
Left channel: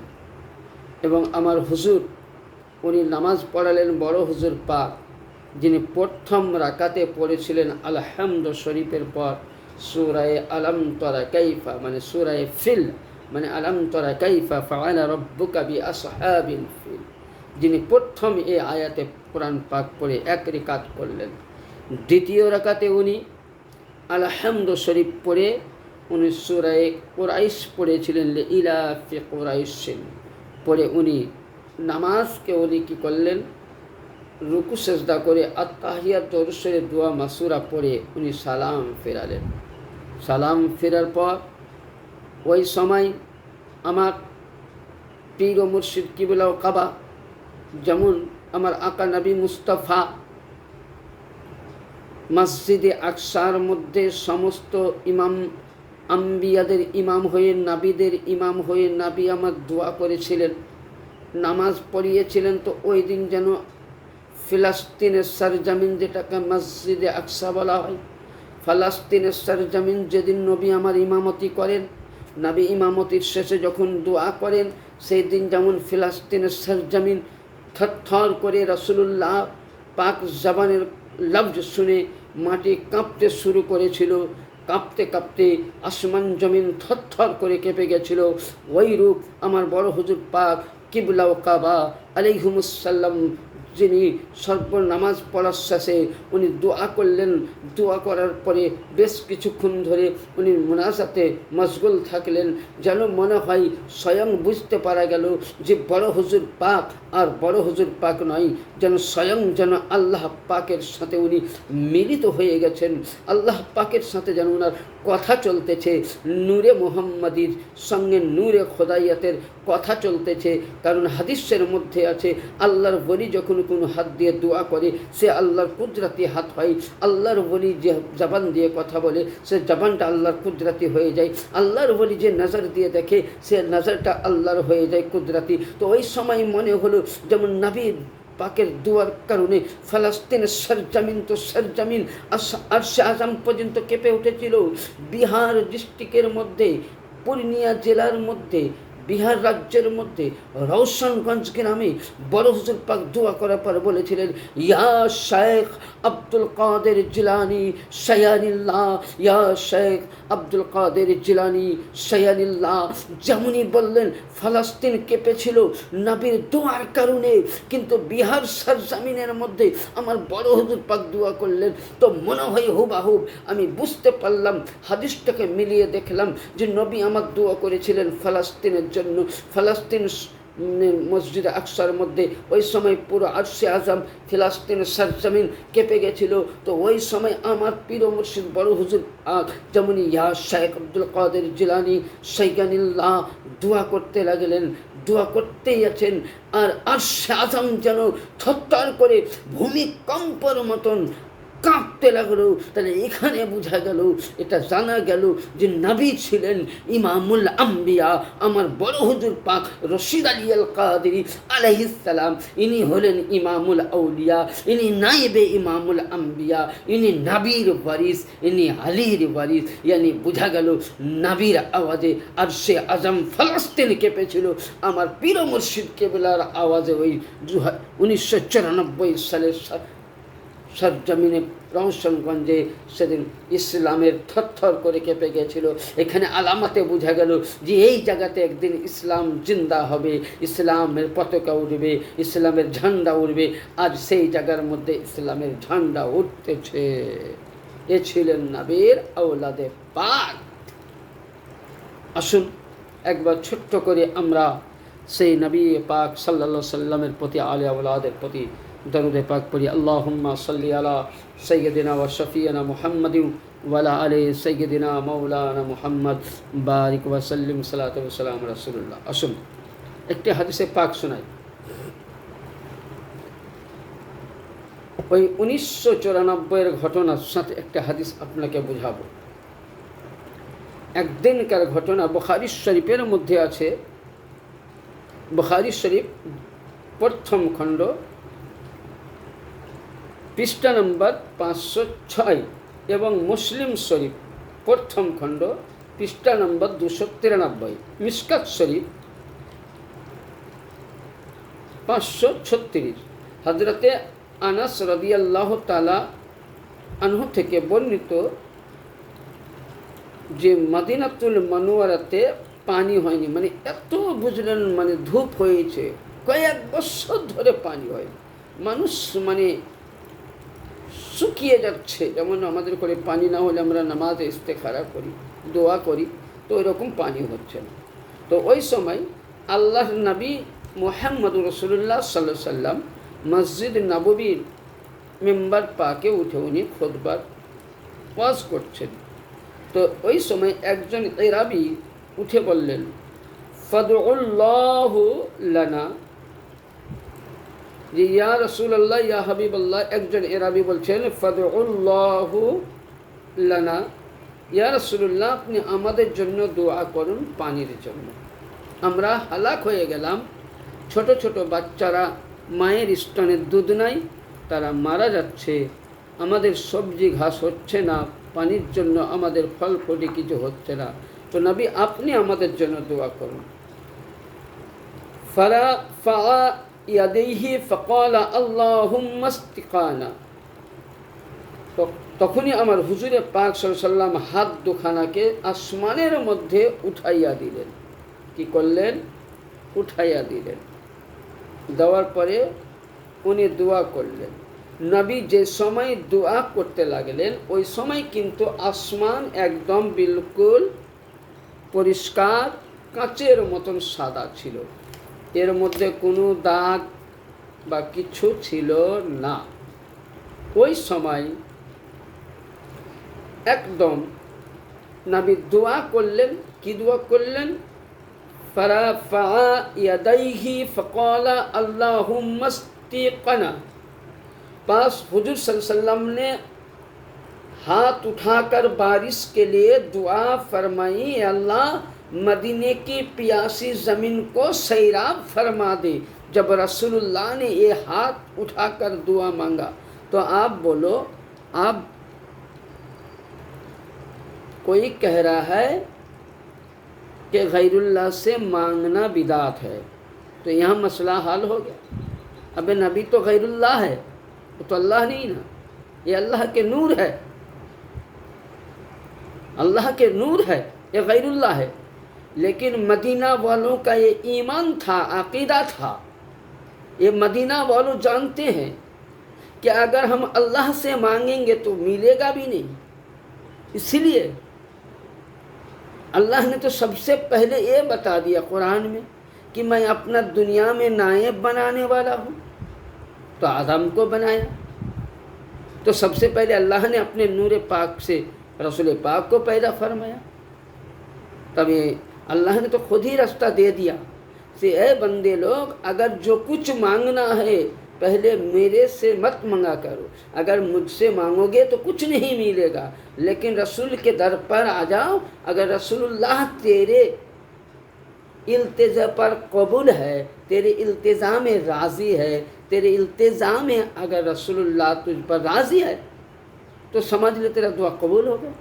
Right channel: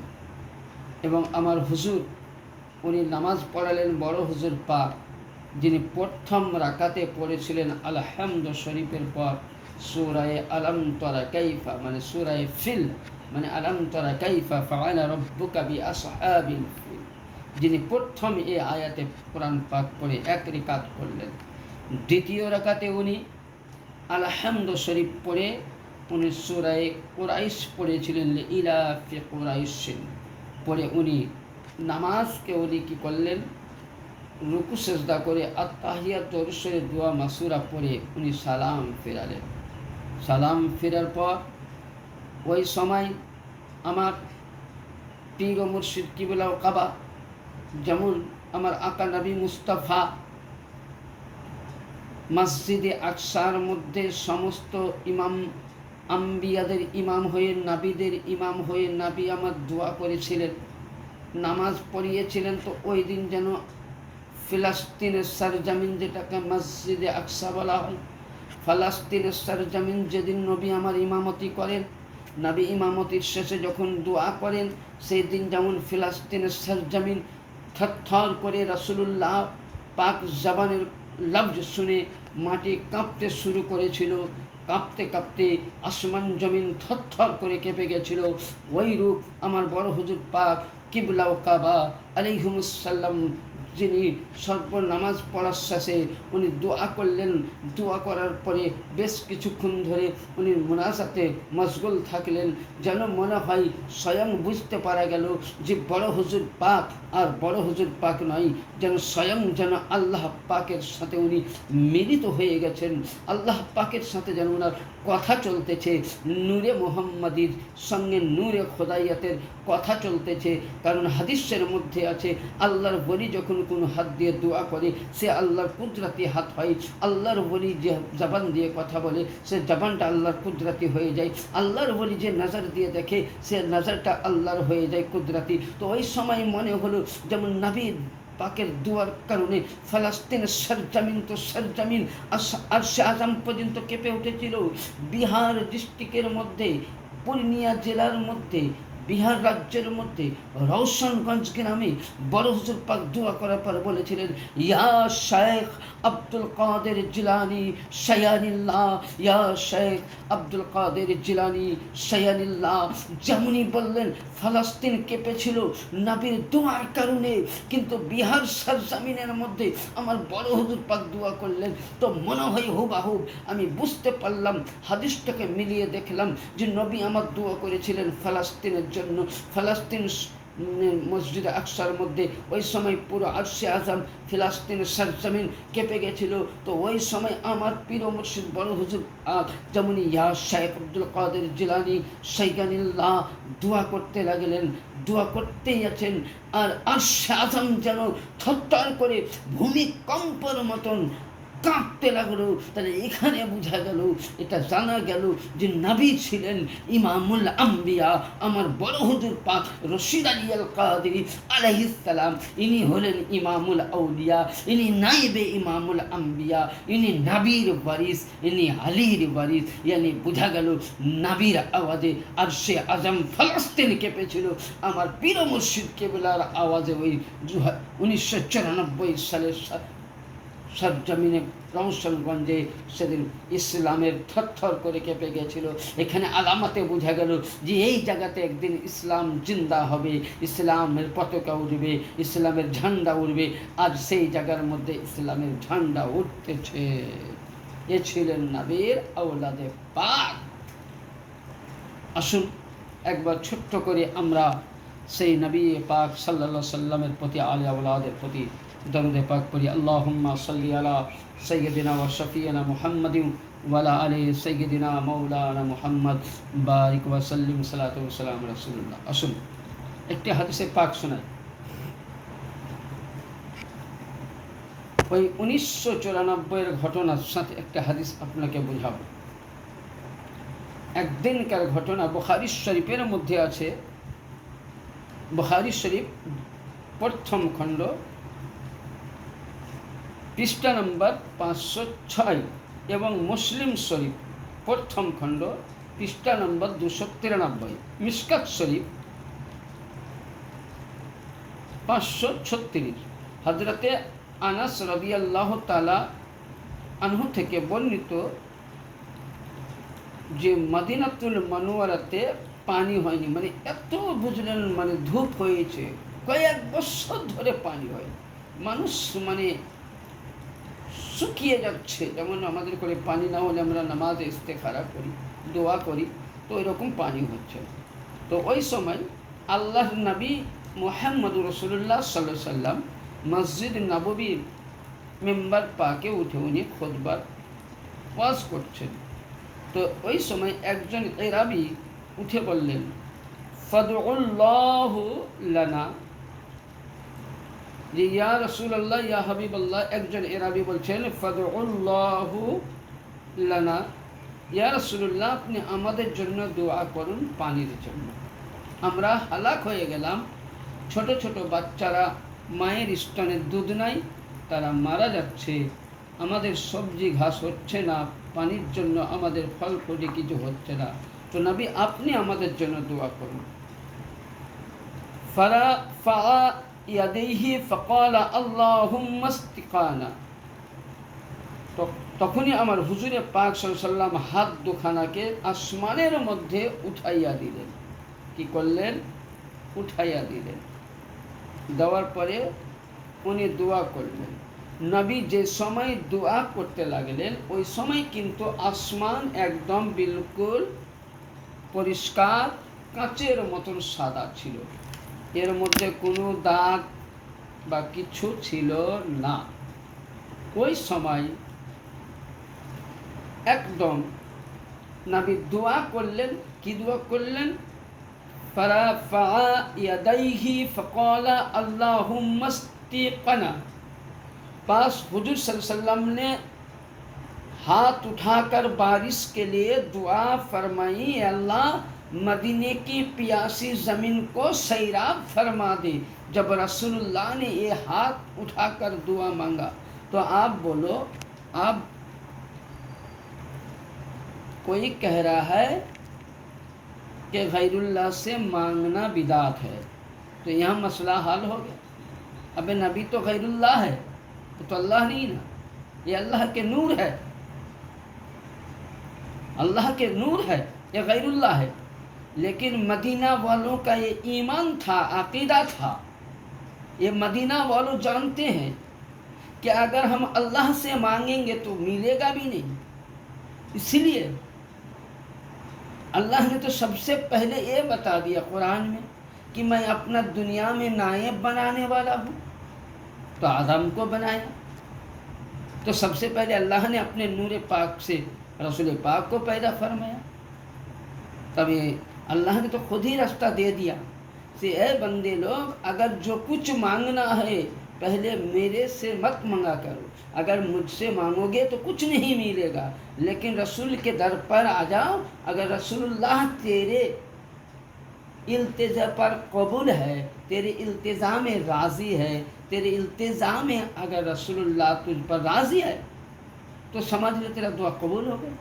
এবং আমার হুজুর উনি নামাজ পড়ালেন বড় হুজুর পাক, যিনি প্রথম রাকাতে পড়েছিলেন আলহামদু শরীফের পর সূরায়ে আলম তরা কাইফা, মানে সূরায়ে ফিল, মানে আলম তরা কাইফা ফাআলা রাব্বুকা বিআসহাবিল ফিল, যিনি প্রথম এই আয়াতে কোরআন পাক পড়ে 1 রাকাত করলেন। দ্বিতীয় রাকাতে উনি আলহামদু শরীফ পড়ে উনি সূরায়ে কুরাইশ পড়েছিলেন, লিইলাফি কুরাইশিন পড়ে উনি নামাজকে উনি কী করলেন, রুকু সেজদা করে আত্তাহিয়াত দরুদের দোয়া মাসুরা পড়ে উনি সালাম ফেরালেন। সালাম ফেরার পর ওই সময় আমার পীর ও মুর্শিদ কিবলা ও কাবা, যেমন আমার আকা নবী মুস্তাফা মসজিদে আকসার মধ্যে সমস্ত ইমাম আম্বিয়াদের ইমাম হয়ে, নাবিদের ইমাম হয়ে নাবি আমার দোয়া করেছিলেন, নামাজ পড়িয়েছিলেন। তো ওই দিন যেন ফিলিস্তিনের সরজমিন, যেটাকে মসজিদে আকসা বলা হয়, ফিলিস্তিনের সরজমিন যেদিন নবী আমার ইমামতি করেন, নবী ইমামতির শেষে যখন দোয়া করেন, সেই দিন যেমন ফিলিস্তিনের সরজমিন থরথর করে রাসূলুল্লাহ পাক জবানের লফজ শুনে মাটি কাঁপতে শুরু করেছিল, কাঁপতে কাঁপতে আসমান জমিন থরথর করে কেঁপে গেছিল। ওই রূপ আমার বড় হুজুর পাক কিবলা ও কাবা আলাইহিমুস সালাম যিনি নামাজ পড়ার শেষে উনি দোয়া করলেন। দোয়া করার পরে বেশ কিছুক্ষণ ধরে উনি মুনাজাতে মশগুল থাকলেন। যেন মনে হয় স্বয়ং বুঝতে পারা গেল যে বড় হুজুর পাক আর বড় হুজুর পাক নয়, যেন স্বয়ং যেন আল্লাহ পাকের সাথে উনি মিলিত হয়ে গেছেন। আল্লাহ পাকের সাথে যেন ওনার কথা চলতেছে, নূরে মোহাম্মদীর সঙ্গে নূরে খোদাইয়াতের কথা চলতেছে। কারণ হাদিসের মধ্যে আছে আল্লাহর বলি যখন কোনো হাত দিয়ে দোয়া করে সে আল্লাহর কুদরতি হাত হয়। আল্লাহর বলি যে জবান দিয়ে কথা বলে সে জবানটা আল্লাহর কুদরতি হয়ে যায়। আল্লাহর বলি যে নজর দিয়ে দেখে সে নজরটা আল্লাহর হয়ে যায় কুদরতি। তো ওই সময় মনে হলো যেমন নবী পাকের দুয়ার কারণে ফালাস্তিনের সরজমিন তো সরজমিন আরশে আজম পর্যন্ত কেঁপে উঠেছিল। বিহার ডিস্ট্রিক্টের মধ্যে, পূর্ণিয়া জেলার মধ্যে, বিহার রাজ্যের মধ্যে রওশনগঞ্জ গ্রামে বড় হুজুর পাক দোয়া করার পর বলেছিলেন, ইয়া শেখ আব্দুল কাদের জিলানি শায়ানিল্লাহ, ইয়া শেখ আব্দুল কাদের জিলানি শায়ানিল্লাহ। যেমনই বললেন ফালাস্তিন কেঁপেছিল নবীর দোয়ার কারণে, কিন্তু বিহার সরজমিনের মধ্যে আমার বড় হুজুর পাক দোয়া করলেন। তো মনে হয় হুবাহুব আমি বুঝতে পারলাম, হাদিসটাকে মিলিয়ে দেখলাম যে নবী আমার দোয়া করেছিলেন ফালাস্তিনের জন্য। ফালাস্তিন মসজিদ আকসার মধ্যে ওই সময় পুরো আরশে আজম ফিলাস্তিনের সরজমিন কেঁপে গেছিল। তো ওই সময় আমার পীর মুর্শিদ বড় হুজুর যেমন ইয়া শেখ আব্দুল কাদের জিলানি শাইখানিল্লাহ দোয়া করতে লাগলেন, দোয়া করতেই আছেন। আর আরশে আজম যেন থরথর করে ভূমিকম্পর মতন কাঁপতে লাগলো। তাহলে এখানে বোঝা গেল, এটা জানা গেল যে নবী ছিলেন ইমামুল আম্বিয়া। আমার বড় হুজুর পাক রশিদ আলী আল কাদেরী আলাইহিস সালাম, ইনি হলেন ইমামুল আউলিয়া, ইনি নাইবে ইমামুল আম্বিয়া, ইনি নবীর ওয়ারিস, ইনি আলীর ওয়ারিস। ইয়ানি বোঝা গেল নবীর আওয়াজে আরশে আজম ফলস্তিন কেঁপেছিল। আমার পীর মুর্শিদ কেবলার আওয়াজে ওই 1994 সালের সরজমিনে রওশনগঞ্জে সেদিন ইসলামের থরথর করে কেঁপে গেছিল। এখানে আলামাতে বোঝা গেল যে এই জায়গাতে একদিন ইসলাম জিন্দা হবে, ইসলামের পতাকা উঠবে, ইসলামের ঝান্ডা উঠবে। আর সেই জায়গার মধ্যে ইসলামের ঝান্ডা উঠতেছে। এ ছিলেন নবীর আওলাদে পাক। আসুন একবার ছোট্ট করে আমরা সেই নবী পাক সাল্লাল্লাহু আলাইহি সাল্লামের প্রতি আলে আওলাদের প্রতি দরুদে পাক পড়ি। আল্লাহুম্মা সাল্লি আলা সাইয়্যিদিনা ওয়া শাফিয়িনা মুহাম্মাদিন ওয়া আলা আলি সাইয়্যিদিনা মাওলানা মুহাম্মদ বারিক ওয়া সাল্লিম সালাতু ওয়া সালাম রাসূলুল্লাহ। আসুন একটি হাদিসে পাক শোনাই। ওই 1994 ঘটনার সাথে একটা হাদিস আপনাকে বোঝাবো। একদিনকার ঘটনা বুখারী শরীফের মধ্যে আছে। বুখারী শরীফ প্রথম খণ্ড পৃষ্ঠা নম্বর 506 এবং মুসলিম শরীফ প্রথম খণ্ড পৃষ্ঠা নম্বর 293, মিশকাত শরীফ 536। হযরতে আনাস রাদিয়াল্লাহু তাআলা আনহু থেকে বর্ণিত যে মদিনাতুল মুনাওয়ারাতে পানি হয়নি, মানে এত বুঝলেন মানে ধূপ হয়েছে, কয়েক বছর ধরে পানি হয়, মানুষ মানে শুকিয়ে যাচ্ছে। যেমন আমাদের করে পানি না হলে আমরা নামাজে ইস্তেখারা করি, দোয়া করি, তো ওইরকম পানি হচ্ছে না। তো ওই সময় আল্লাহর নবী মুহাম্মদুর রাসূলুল্লাহ সাল্লাল্লাহু আলাইহি সাল্লাম মসজিদ নববীর মেম্বার পাকে উঠে উনি খুতবার ওয়াজ করছেন। তো ওই সময় একজন এরাবি উঠে বললেন, ফাদউল্লাহু লানা, যে ইয়া রাসূলুল্লাহ ইয়া হাবিবাল্লাহ। একজন এরাবি বলছেন ফাদউল্লাহু লানা, ইয়া রাসূলুল্লাহ আপনি আমাদের জন্য দোয়া করুন পানির জন্য। আমরা হালাক হয়ে গেলাম, ছোট ছোট বাচ্চারা মায়ের স্তনের দুধ নাই, তারা মারা যাচ্ছে, আমাদের সবজি ঘাস হচ্ছে না, পানির জন্য আমাদের ফল ফলি কিছু হচ্ছে না, তো নবী আপনি আমাদের জন্য দোয়া করুন। ফারা ইয়াদাইহি ফাকালা আল্লাহুম্মা ইসতিকানা। তখনই আমার হুজুরে পাক সাল্লাল্লাহু আলাইহি সাল্লাম হাত দুখানাকে আসমানের মধ্যে উঠাইয়া দিলেন। কি করলেন? উঠাইয়া দিলেন। দেওয়ার পরে উনি দোয়া করলেন। নবী যে সময় দোয়া করতে লাগলেন ওই সময় কিন্তু আসমান একদম বিলকুল পরিষ্কার কাঁচের মতন সাদা ছিল, এর মধ্যে কোনো দাগ বা কিছু ছিল না। ওই সময় একদম নবী দোয়া করলেন। কি দোয়া করলেন? ফারাফা ইয়াদাইহি ফাকালা আল্লাহুম্মা ইসতিকানা। पास हुजूर सल्लल्लाहु अलैहि वसल्लम ने हाथ उठाकर बारिश के लिए दुआ फरमाई, अल्लाह मदीने की प्यासी ज़मीन को सैराब फरमा दे। जब रसूलुल्लाह ने ये हाथ उठाकर दुआ मांगा तो आप बोलो, आप कोई कह रहा है कि गैरुल्लाह से मांगना बिदात है, तो यहाँ मसला हल हो गया। अबे नबी तो गैरुल्लाह है, तो अल्लाह नहीं ना, ये अल्लाह के नूर है, अल्लाह के नूर है, ये गैरुल्लाह है। लेकिन मदीना वालों का ये ईमान था, अकीदा था। ये मदीना वालों जानते हैं कि अगर हम अल्लाह से मांगेंगे तो मिलेगा भी नहीं। इसलिए अल्लाह ने तो सबसे पहले ये बता दिया कुरान में कि मैं अपना दुनिया में नायब बनाने वाला हूँ। तो आदम को बनाया तो सबसे पहले अल्लाह ने अपने नूर पाक से रसूल पाक को पैदा फरमाया। तब ये अल्लाह ने तो खुद ही रास्ता दे दिया से ए बंदे लोग, अगर जो कुछ मांगना है पहले मेरे से मत मांगा करो। अगर मुझसे मांगोगे तो कुछ नहीं मिलेगा, लेकिन रसूल के दर पर आ जाओ। अगर रसूलुल्लाह तेरे इल्तिजा पर कबूल है, तेरे इल्तिजा में राज़ी है, तेरे इल्तिजा में अगर रसूलुल्लाह तुझ पर राज़ी है तो समझ ले तेरा दुआ कबूल हो गया।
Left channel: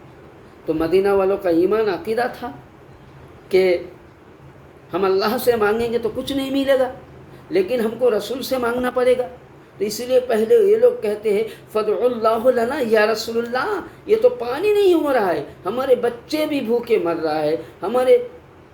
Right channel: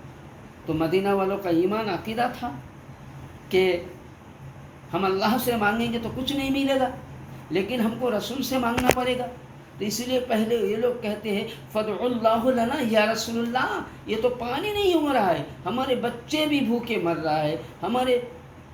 तो मदीना वालों का ईमान अकीदा था कि हम अल्लाह से मांगेंगे तो कुछ नहीं मिलेगा, लेकिन हमको रसूल से मांगना पड़ेगा। तो इसीलिए पहले ये लोग कहते हैं फदउल्लाहु लना या रसूलुल्लाह, ये तो पानी नहीं हो रहा है, हमारे बच्चे भी भूखे मर रहा है, हमारे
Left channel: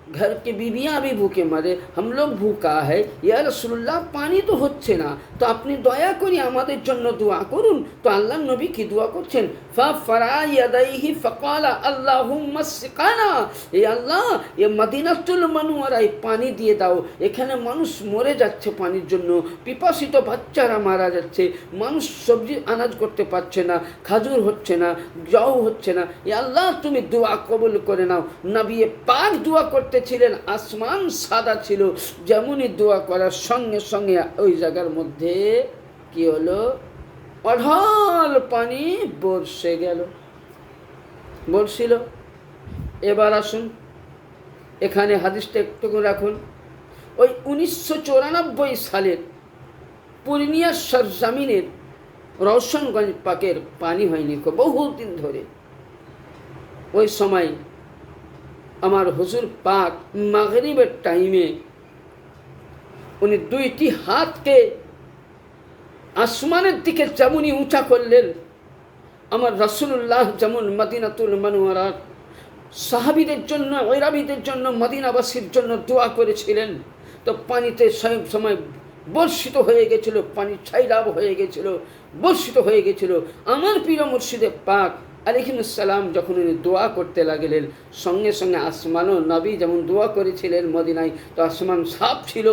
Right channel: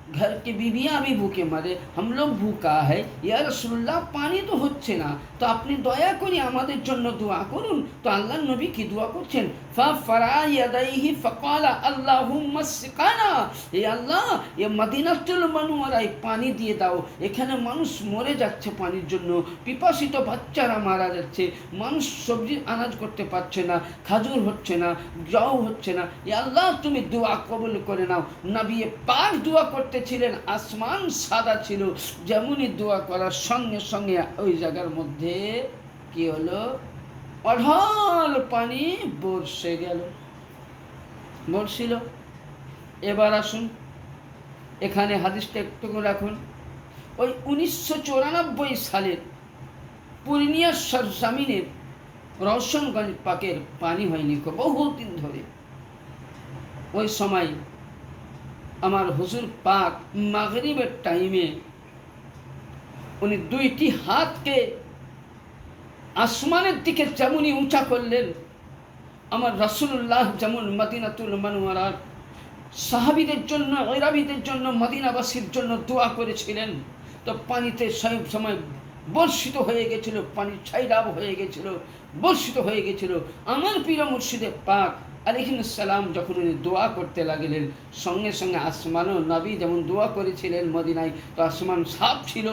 घर की बीबियाँ भी भूखे मरे, हम लोग भूखा है, या रसूलुल्लाह पानी तो হচ্ছে না, তো আপনি দয়া করে আমাদের জন্য দোয়া করুন। তো আল্লাহর নবী কি দোয়া করছেন? ফাফরা ইয়াদাইহি ফাকালা আল্লাহুম্মা সিকানা, এ আল্লাহ এ মদিনাতুল মুনাওয়ারায় পানি দিয়ে দাও, এখানে মানুষ মরে যাচ্ছে পানির জন্য, পিপাসিত বাচ্চারা মারা যাচ্ছে, মানুষ সবজি আনাজ করতে পারছে না, খাজুর হচ্ছে না, জও হচ্ছে না, এ আল্লাহ তুমি দোয়া কবুল করে নাও। নবী পাক দোয়া করতে ছিলেন, আসমান সাদা ছিল, যেমনই দোয়া করার সঙ্গে সঙ্গে ওই জায়গার মধ্যে কি হলো, অঢল পানি বর্ষে গেল, বর্ষিল। এবার আসুন এখানে হাদিসটা একটু রাখুন। ওই 1994 সালের পূর্ণিয়ার সরজমিনের রওশনগঞ্জ পাকের পানি হয়নি বহুদিন ধরে। ওই সময় আমার হুজুর পাক মাগরিবের টাইমে উনি দুইটি হাতকে আসমানের দিকে যেমনই উঁচা করলেন, আমার রাসূলুল্লাহ যেমন মদিনাতুল মুনাওয়ারার সাহাবীদের জন্য, গয়রাবীদের জন্য, মদিনাবাসীর জন্য দোয়া করেছিলেন, তো পানিতে সব সময় বর্ষিত হয়ে গেছিল, পানি ছাইরাব হয়ে গেছিল, বর্ষিত হয়ে গেছিল। আমার প্রিয় মুর্শিদে পাক আলাইহিসসালাম যখন উনি দোয়া করতে লাগলেন, সঙ্গে সঙ্গে আসমানও নবী যেমন দোয়া করেছিলেন মদিনায়, তো আসমান সাফ ছিল।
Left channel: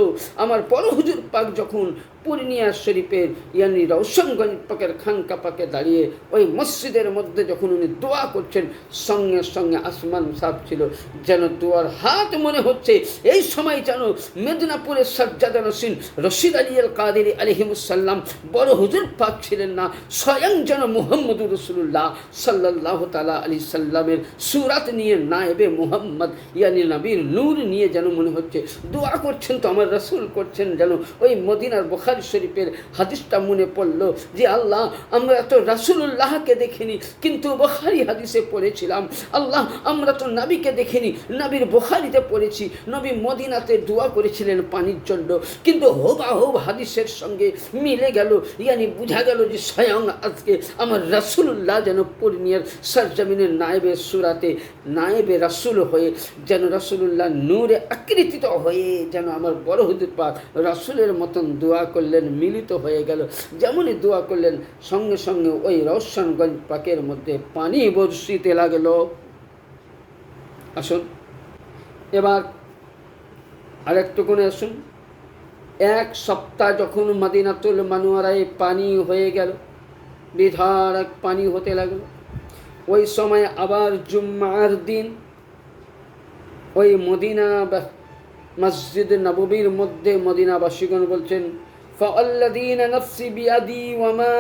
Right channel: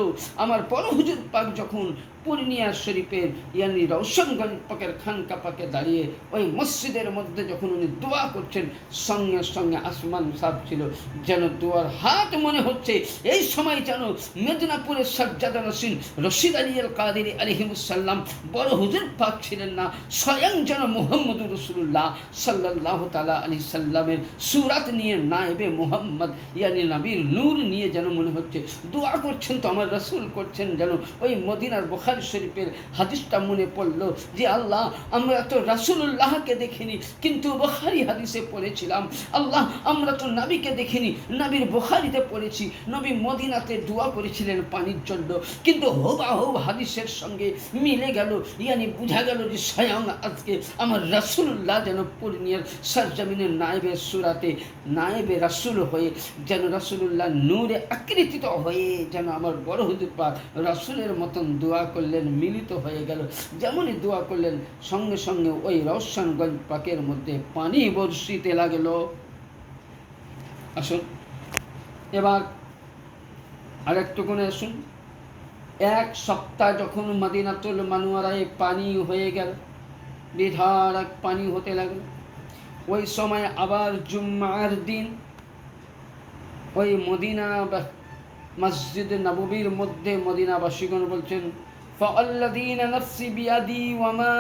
আমার বড় হুজুর পাক যখন পূর্ণিয়া শরীফের ইয়ানি রওশনগঞ্জ পাকের খানকা পাকে দাঁড়িয়ে ওই মসজিদের মধ্যে যখন উনি দোয়া করছেন, সঙ্গে সঙ্গে আসমান সাফ ছিল, যেন দোয়ার হাত মনে হচ্ছে এই সময় যেন মেদিনীপুরের সাজ্জাদা নসীন রশিদ আলী আল কাদেরী আলাইহিসসালাম বড় হুজুর পাক ছিলেন না, স্বয়ং যেন মুহাম্মদুর রাসূলুল্লাহ সাল্লাল্লাহু তাআলা আলাইহি সাল্লামের সূরাত নিয়ে নায়েবে মুহাম্মদ ইয়ানি নবীর নূর নিয়ে যেন মনে হচ্ছে দোয়া করছেন। তো আমার রাসূল করছেন, যেন ওই মদিনার বুখারী শরীফের হাদিসটা মনে পড়লো যে আল্লাহ আমরা তো রাসূলুল্লাহকে দেখিনি কিন্তু বুখারী হাদিসে পড়েছিলাম, আল্লাহ আমরা তো নবীকে দেখিনি, নবীর বুখারীতে পড়েছি, নবী মদিনাতে দোয়া করেছিলেন পানির জন্য, কিন্তু হুবহু হাদিসের সঙ্গে মিলে গেল, ইয়ানি বোঝা গেল যে স্বয়ং আজকে আমার রাসূলুল্লাহ যেন পূর্ণিয়ার সরজমিনের নায়েবে সূরাতে নায়েবে রাসূল হয়ে যেন রাসূলুল্লাহ নূরে আকৃতিত হয়ে যেন আমার বড় হুজুর পাক রাসূলের মতন দোয়া করলেন। করলেন, মিলিত হয়ে গেল। যেমনই দোয়া করলেন সঙ্গে সঙ্গে ওই রওশনগঞ্জ পাকের মধ্যে পানি বর্ষিতে লাগলো। আসুন এবার আরেকটুকুনে আসুন। এক সপ্তাহ যখন মদিনাতুল মুনাওয়ারায় পানি হয়ে গেল, বিধারক পানি হতে লাগলো, ওই সময় আবার জুম্মার দিন ওই মদিনা মসজিদ নববীর মধ্যে মদিনাবাসীগণ বলছেন, ফাআল্লাযীনা নাফসি বিয়াদি ওয়ামা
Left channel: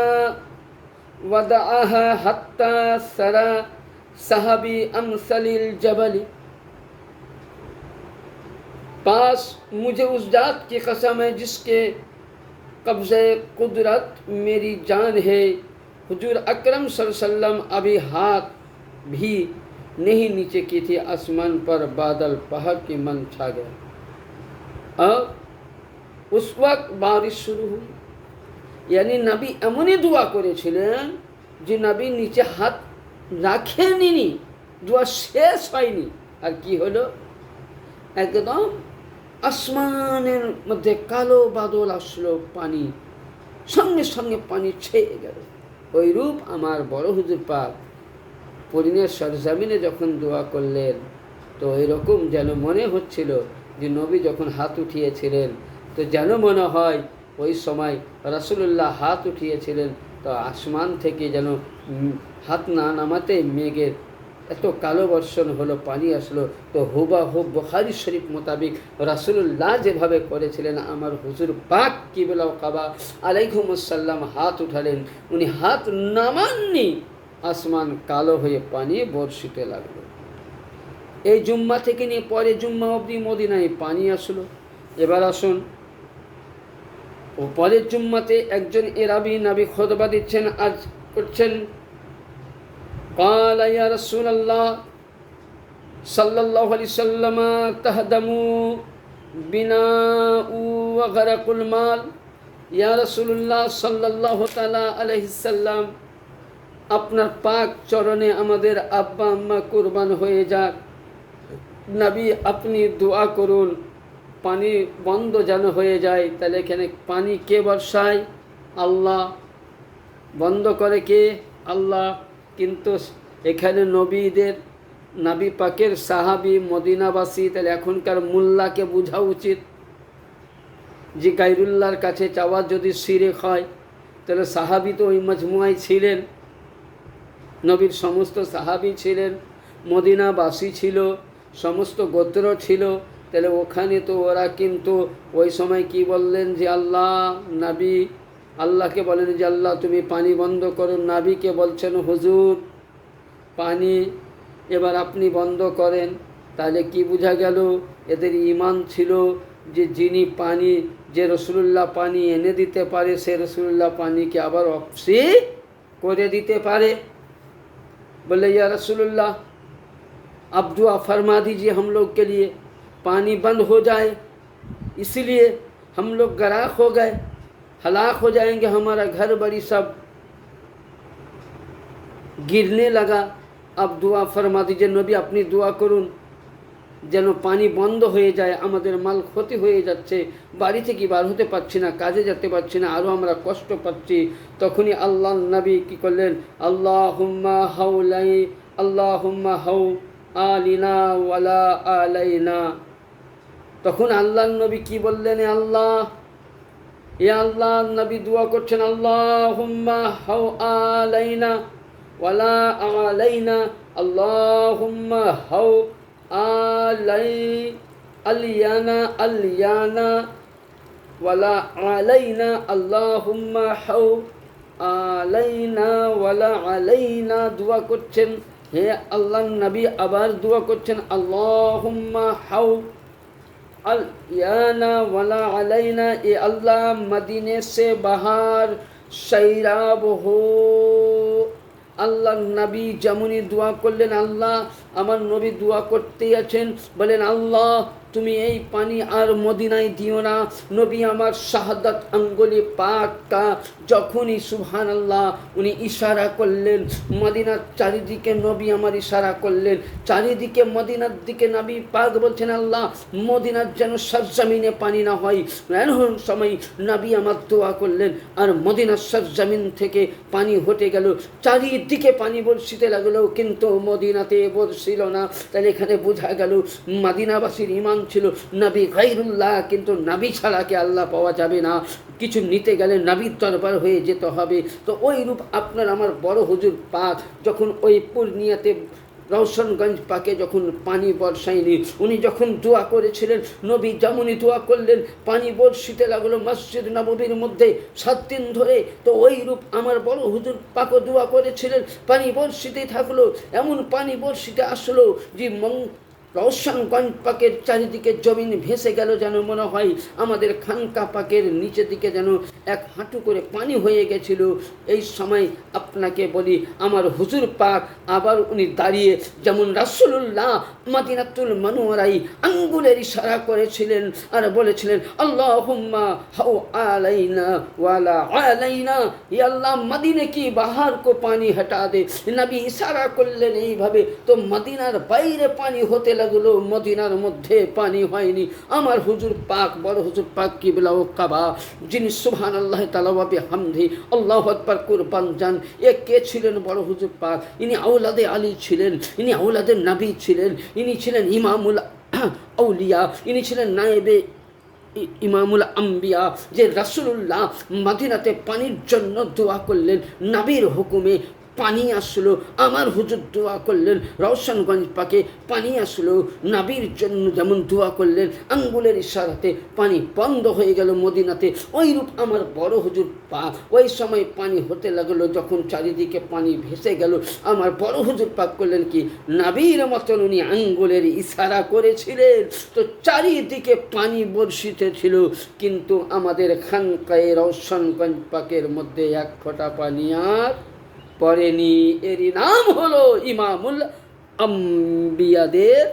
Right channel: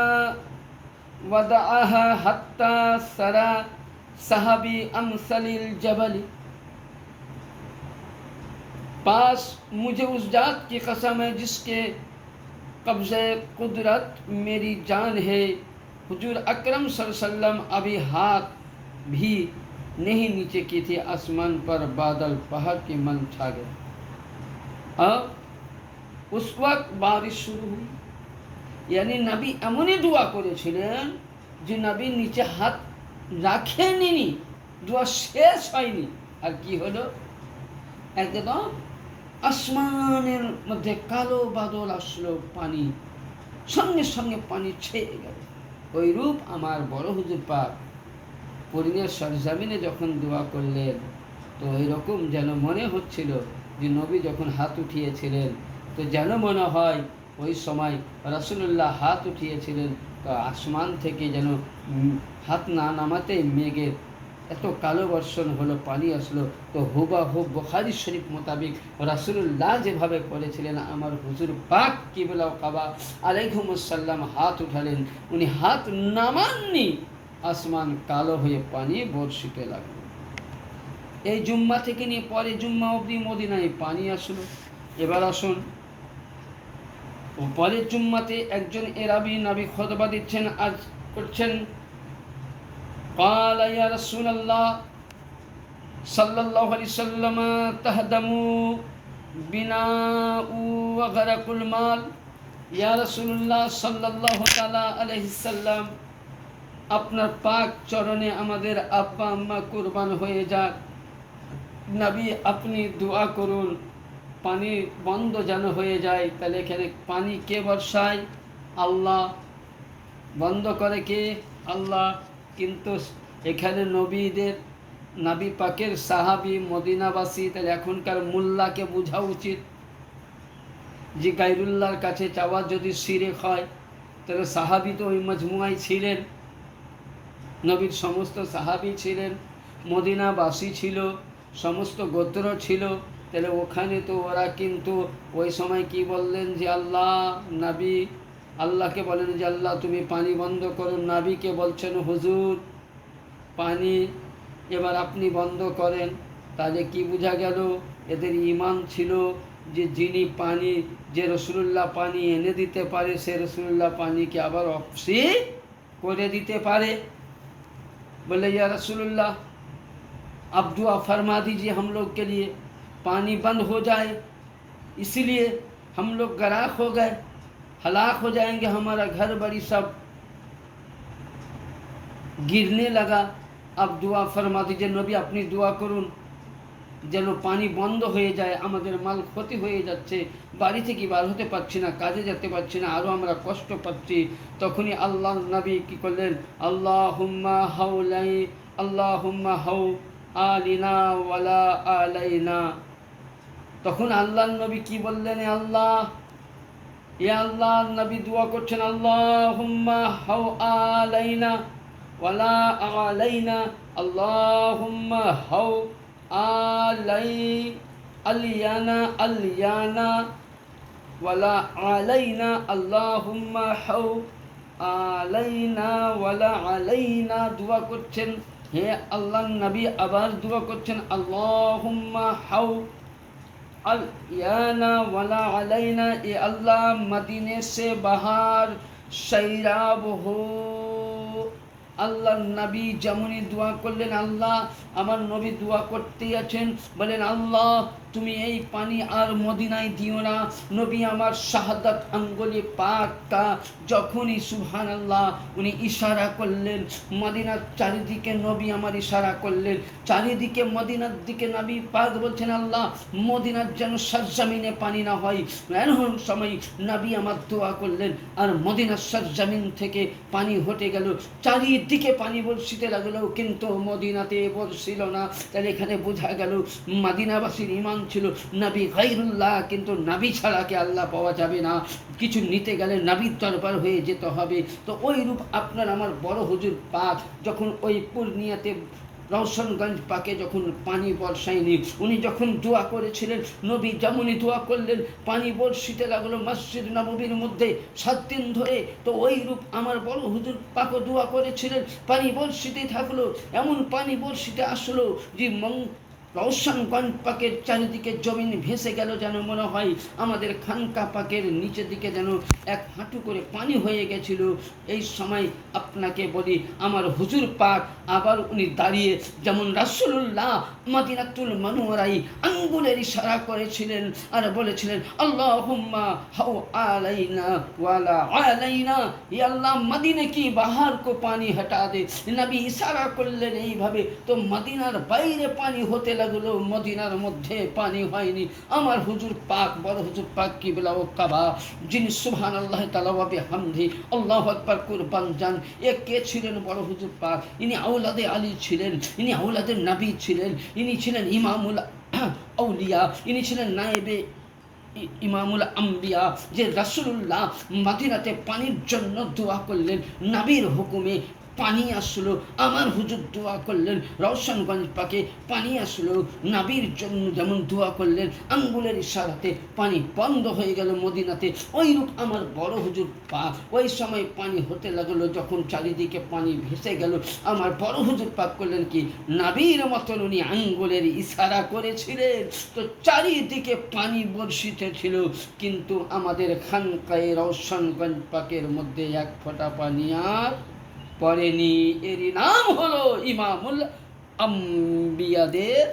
ওয়াদাআহা হাত্তা সারা সাহাবি আমসালিল জাবালি, पास मुझे उस जात की कसम है जिसके कब्ज़े कुदरत मेरी जान है, हुजूर अकरम सल्लल्लाहु अलैहि वसल्लम अभी हाथ भी नहीं नीचे की थी, आसमान पर बादल पहाड़ की मन छा गया। और उस वक्त बारिश शुरू हुई। यानी नबी एमनी दुआ करेছিলেন যে নবী নিচে হাত রাখেননি, দোয়া শেষ হয়নি, আর কি হলো, একদম আসমানের মধ্যে কালো বাদল আসলো, পানি সঙ্গে সঙ্গে পানি ছেয়ে গেল। ওই রূপ আমার বড় হুজুর পাক পরিণের সরজমিনে যখন দোয়া করলেন, তো এরকম যেন মনে হচ্ছিল যে নবী যখন হাত উঠিয়েছিলেন, তো যেন মনে হয় ওই সময় রাসূলুল্লাহ হাত উঠিয়েছিলেন, তো আসমান থেকে যেন হাত না নামাতে মেঘের এত কালো বর্ষণ হলো, পানি আসলো। তো হুবাহুব বুখারী শরীফ মোতাবিক রাসূলুল্লাহ যেভাবে করেছিলেন, আমার হুজুর পাক কিবলা কাবা আলাইহিমুসসালাম হাত উঠালেন, উনি হাত নামাননি, আসমান কালো হয়ে পানি বর্ষিতে লাগলো। এই জুম্মা থেকে নিয়ে পরে জুম্মা অবধি মদিনায় পানি আসলো। এবার আসুন, ও পরের জুম্মাতে একজন এরাবি নবী খুতবা দিচ্ছেন, আজ করছেন, قال يا رسول الله صلى الله عليه وسلم تهدم بناء وغرق المال, يا رسول الله صلى الله تعالى عليه وسلم আপনার পাক চরণে আমাদের আব্বা আম্মা কুরবান হয়ে যাক, নবী আপনি দোয়া করুন পানি বন্ধ যেন হয়ে যায়। তাহলে এখানে পানি কে বর্ষায়? আল্লাহ। বন্ধ করে কে? আল্লাহ। কিন্তু এখানে নবী পাকের সাহাবি মদিনাবাসী, তাহলে এখনকার মোল্লাকে বোঝা উচিত যে গায়রুল্লাহর কাছে চাওয়া যদি শিরক হয়, তাহলে সাহাবি তো ওই মজমুয়ায় ছিলেন, নবীর সমস্ত সাহাবি ছিলেন, মদিনাবাসী ছিল, সমস্ত গোত্র ছিল, তাহলে ওখানে তো ওরা কিন্তু ওই সময় কি বললেন যে আল্লাহ, নবী আল্লাহকে বলেন যে আল্লাহ তুমি পানি বন্ধ করুন, নবীকে বলছেন হুজুর পানি এবার আপনি বন্ধ করেন। তাহলে কি বোঝা গেল? এদের ঈমান ছিল যে যিনি পানি, যে রাসূলুল্লাহ পানি এনে দিতে পারে, সে রাসূলুল্লাহ পানিকে আবার অফসি করে দিতে পারে। बोले या रसूलुल्लाह अब दुआ फरमा दीजिए हम लोग के लिए, पानी बंद हो जाए, इसलिए हम लोग गराक हो गए, हलाक हो जाएंगे, हमारा घर बड़ी सब गिरने लगा, अब दुआ फरमा दीजिए नबी अपनी दुआ करुन যেন পানি বন্ধ হয়ে যায়, আমাদের মাল ক্ষতি হয়ে যাচ্ছে, বাড়ি থেকে বার হতে পারছি না, কাজে যেতে পারছি না, আরও আমরা কষ্ট পাচ্ছি। তখনই আল্লাহ নবী কী করলেন? আল্লাহুম্মা হাউ আলিনা ওয়ালা আলাইনা। তখন আল্লাহ নবী কি বললেন? আল্লাহ, এ আল্লাহ নবী দোয়া করছেন, আল্লাহুম্মা হাউ আলাইনা ওয়ালা আলাইনা, আল্লাহুম্মা হাউ আলিয়ানা ওয়ালা আলাইনা, আল্লাহুম্মা হাউ আলাইনা ওয়ালা আলাইনা। দোয়া করছেন, হে আল্লাহ নবী আবার দোয়া করছেন, আল্লাহুম্মা হাউ আলিয়ানা ওয়ালা আলাইনা, এ আল্লাহ মদিনে সে বাহার সৈরাব হো। আল্লাহ নবী যেমনই দোয়া করলেন, আল্লাহ আমার নবী দোয়া করতেই আছেন, বলেন আল্লাহ তুমি এই পানি আর মদিনায় দিও না। নবী আমার শাহাদাত আঙ্গুলি পাকটা যখনই সুবহানাল্লাহ উনি ইশারা করলেন, মদিনার চারিদিকে নবী আমার ইশারা করলেন, চারিদিকে মদিনার দিকে নবী পাক বলছেন আল্লাহ মদিনার যেন সরজমিনে পানি না হয়। এমন সময় নবী আমার দোয়া করলেন আর মদিনার সরজমিন থেকে পানি হটে গেল, চারিদিকে পানি বর্ষিতে লাগলো, কিন্তু মদিনাতে বর্ষিল না। তাহলে এখানে বোঝা গেল মদিনাবাসীর ঈমান ছিল নবী গায়রুল্লাহ, কিন্তু নবী ছাড়া কে আল্লাহ পাওয়া যাবে না। কিছু নিতে গেলে নবীর দরবার হয়ে যেতে হবে। তো ওই রূপ আপনার আমার বড় হুজুর পাক যখন ওই পূর্ণিয়াতে রওশনগঞ্জ পাকে যখন পানি বর্ষায়নি, উনি যখন দোয়া করেছিলেন, নবী যেমনই দোয়া করলেন পানি বর্ষিতে লাগলো মসজিদ নববীর মধ্যে 7 দিন ধরে। তো ওই রূপ আমার বড় হুজুর পাকও দোয়া করেছিলেন, পানি বর্ষিতে থাকলো। এমন পানি বর্ষিতে আসলো যে রওশনগঞ্জ পাকের চারিদিকে জমিন ভেসে গেল, যেন মনে হয় আমাদের খানকা পাকের নিচের দিকে যেন 1 হাঁটু করে পানি হয়ে গেছিল। এই সময় আপনাকে বলি আমার হুজুর পাক আবার উনি দাঁড়িয়ে যেমন রাসূলুল্লাহ মদিনাতুল মুনাওয়ারায় আঙ্গুলের ইশারা করেছিলেন আর বলেছিলেন আল্লাহুম্মা হাও আলাইনা ওয়ালা আলাইনা, ইয়া আল্লাহ মদিনা কি বাহার কো পানি হটা দে। নবী ইশারা করলেন এইভাবে, তো মদিনার বাইরে পানি হতে লাগলো, মদিনার মধ্যে পানি হয়নি। আমার হুজুর পাক বড় হুজুর পাক কিবলা ও কাবা, যিনি সুবহানাল্লাহ তাআলা ওয়া বিহামদি আল্লাহু আকবার কুরবান যান, এ কে ছিলেন? বড় হুজুর পাক। ইনি আওলাদে আলী ছিলেন, ইনি আওলাদে নবী ছিলেন, ইনি ছিলেন ইমামুল আউলিয়া, ইনি ছিলেন নায়েবে ইমামুল আম্বিয়া। যে রাসূলুল্লাহ মদিনাতে পানির জন্য দোয়া করলেন, নবীর হুকুমে পানি আসলো। আমার হুজুর দোয়া করলেন রওশনগঞ্জ পাকে পানি আসলো, নবীর জন্য যেমন দোয়া করলেন আঙ্গুলের ইশারাতে পানি বন্ধ হয়ে গেল মদিনাতে। ওই রূপ আমার বড় হুজুর পাক ওই সময় পানি হতে লাগলো, যখন চারিদিকে পানি ভেসে গেল আমার বড় হুজুর পাক করলেন কি নবীর মতন উনি আঙ্গুলের ইশারা করেছিলেন, তো চারিদিকে পানি বর্ষিতে ছিল। কিন্তু আমাদের খানকায়ে রওশনগঞ্জ পাকের মধ্যে 1 ফোঁটা পানি আর পড়েনি। এরই নাম হলো ইমামুল আম্বিয়াদের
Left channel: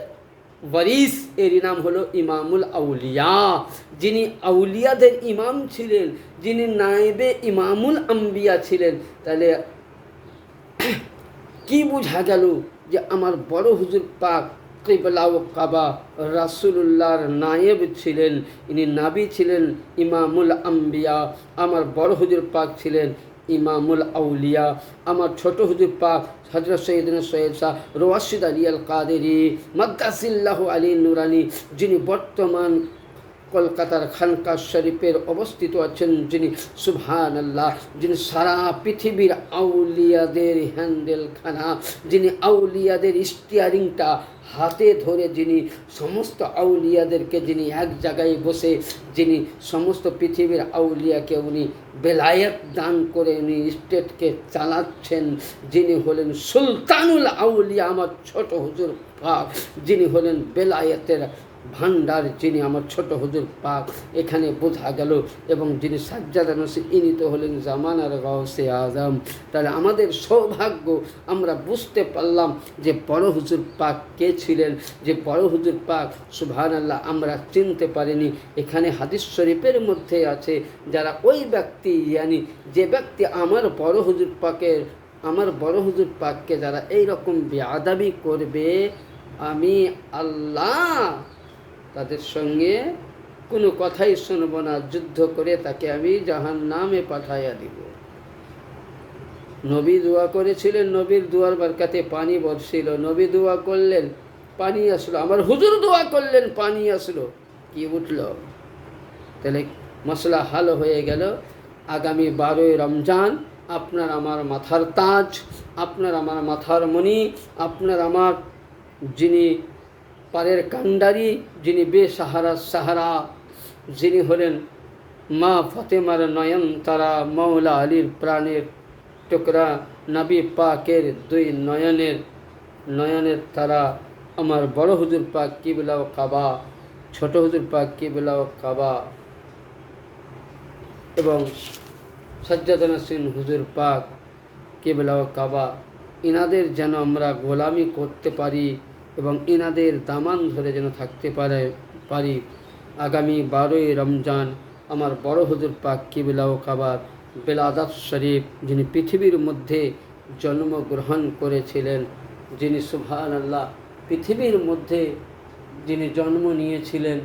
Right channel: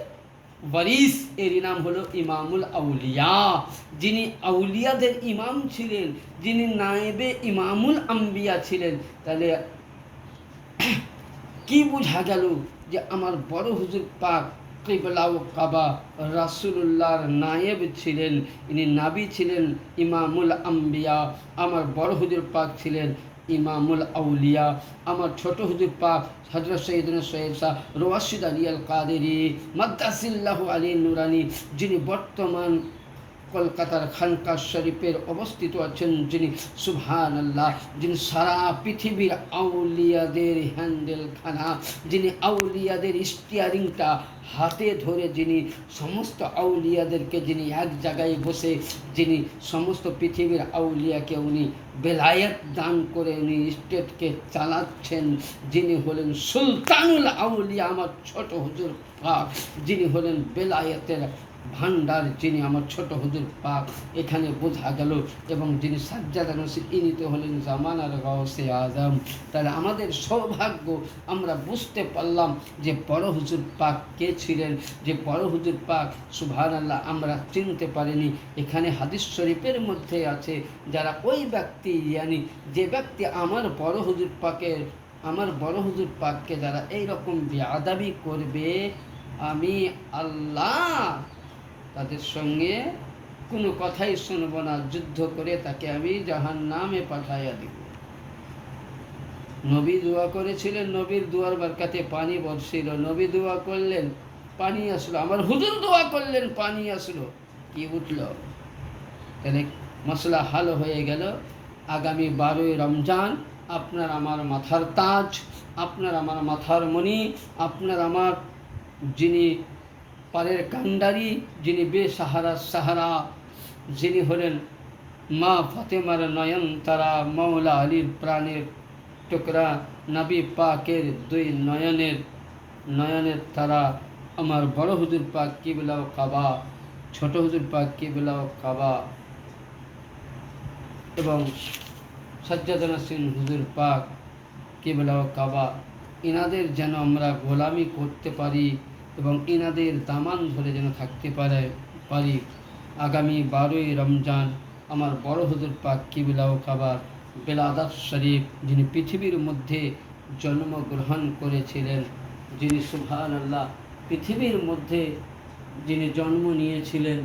ওয়ারিস, এরই নাম হলো ইমামুল আউলিয়া। যিনি আউলিয়াদের ইমাম ছিলেন, যিনি নায়েবে ইমামুল আম্বিয়া ছিলেন। তাহলে কি বোঝা গেল যে আমার বড় হুজুর পাক কিবলা ও কাবা রাসূলুল্লাহর নায়েব ছিলেন, ইনি নবী ছিলেন ইমামুল আম্বিয়া। আমার বড় হুজুর পাক ছিলেন ইমামুল আউলিয়া। আমার ছোট হুজুর পাক হযরত সৈয়দনা সৈয়দ শাহ রশিদ আলী আল কাদেরী মাদ্দাসিল্লাহু আলী নুরানি, যিনি বর্তমান কলকাতার খানকা শরীফের অবস্থিত আছেন, যিনি সুবহানাল্লাহ, যিনি সারা পৃথিবীর আউলিয়াদের হ্যান্ডেলখানা, যিনি আউলিয়াদের স্টিয়ারিংটা হাতে ধরে, যিনি সমস্ত আউলিয়াদেরকে যিনি এক জায়গায় বসে যিনি সমস্ত পৃথিবীর আউলিয়াকে উনি বেলায়েত দান করে উনি স্টেটকে চালাচ্ছেন, যিনি হলেন সুলতানুল আউলিয়া আমার ছোট হুজুর পাক, যিনি হলেন বেলায়েতের ভান্ডার, যিনি আমার ছোট হুজুর পাক। এখানে বোঝা গেল। এবং যিনি সাজ্জাদা নসি, ইনি তো হলেন জামানার গাউসে আজম। তাহলে আমাদের সৌভাগ্য, আমরা বুঝতে পারলাম যে বড় হুজুর পাক কে ছিলেন, যে বড় হুজুর পাক সুবহানাল্লাহ আমরা চিনতে পারিনি। এখানে হাদিস শরীফের মধ্যে আছে, যারা ওই ব্যক্তি যে ব্যক্তি আমার বড় হুজুর পাককে যারা এইরকম বেয়াদবি করবে, আমি আল্লাহ তাদের সঙ্গে কোনো কথাই শুনব না, যুদ্ধ করে তাকে আমি জাহান্নামে পাঠাইয়া দিব। নবী দোয়া করেছিলেন, নবীর দোয়ার বরকতে পানি বর্ষিল, নবী দোয়া করলেন পানি আসলো, আমার হুজুর দোয়া করলেন পানি আসলো, কি উঠল। তাহলে মশলা হাল হয়ে গেল। আগামী 12ই রমজান আপনার আমার মাথার তাজ, আপনার আমার মাথার মণি, আপনার আমার যিনি পারের কান্ডারি, যিনি বেসাহারা সাহারা, যিনি হলেন মা ফাতেমার নয়নতারা, মৌলা আলীর প্রাণের টুকরা, নবী পাকের 2 নয়নের তারা, আমার বড় হুজুর পাক কিবলা ও কাবা, ছোট হুজুর পাক কিবলা ও কাবা, এবং সাজ্জাদ নাসির হুজুর পাক কিবলা ও কাবা, ইনাদের যেন আমরা গোলামি করতে পারি এবং ইনাদের দামান ধরে যেন থাকতে পারি। আগামী 12ই রমজান আমার বড় হুজুর পাক কিবলা ও কাবার বেলাদাত শরীফ, যিনি পৃথিবীর মধ্যে জন্মগ্রহণ করেছিলেন, যিনি সুবহানাল্লাহ পৃথিবীর মধ্যে যিনি জন্ম নিয়েছিলেন,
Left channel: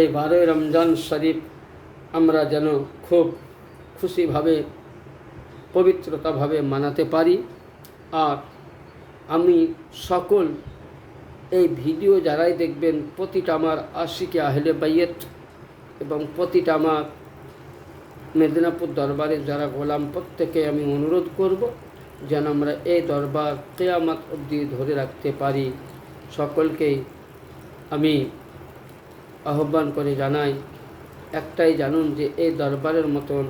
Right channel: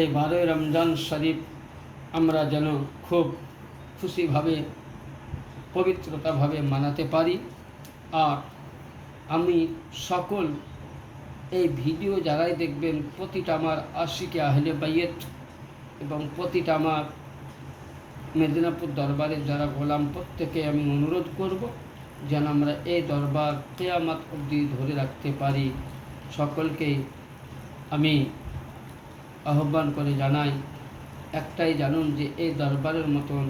এই 12ই রমজান শরীফ আমরা যেন খুব খুশিভাবে পবিত্রতাভাবে মানাতে পারি। আর আমি সকল এই ভিডিও যারাই দেখবেন, প্রতিটা আমার আশিকে আহলে বাইত এবং প্রতিটা আমার মেদিনীপুর দরবারে যারা গোলাম, প্রত্যেকে আমি অনুরোধ করব যেন আমরা এই দরবার কিয়ামত অবধি ধরে রাখতে পারি। সকলকেই আমি আহ্বান করে জানাই, একটাই জানুন যে এই দরবারের মতন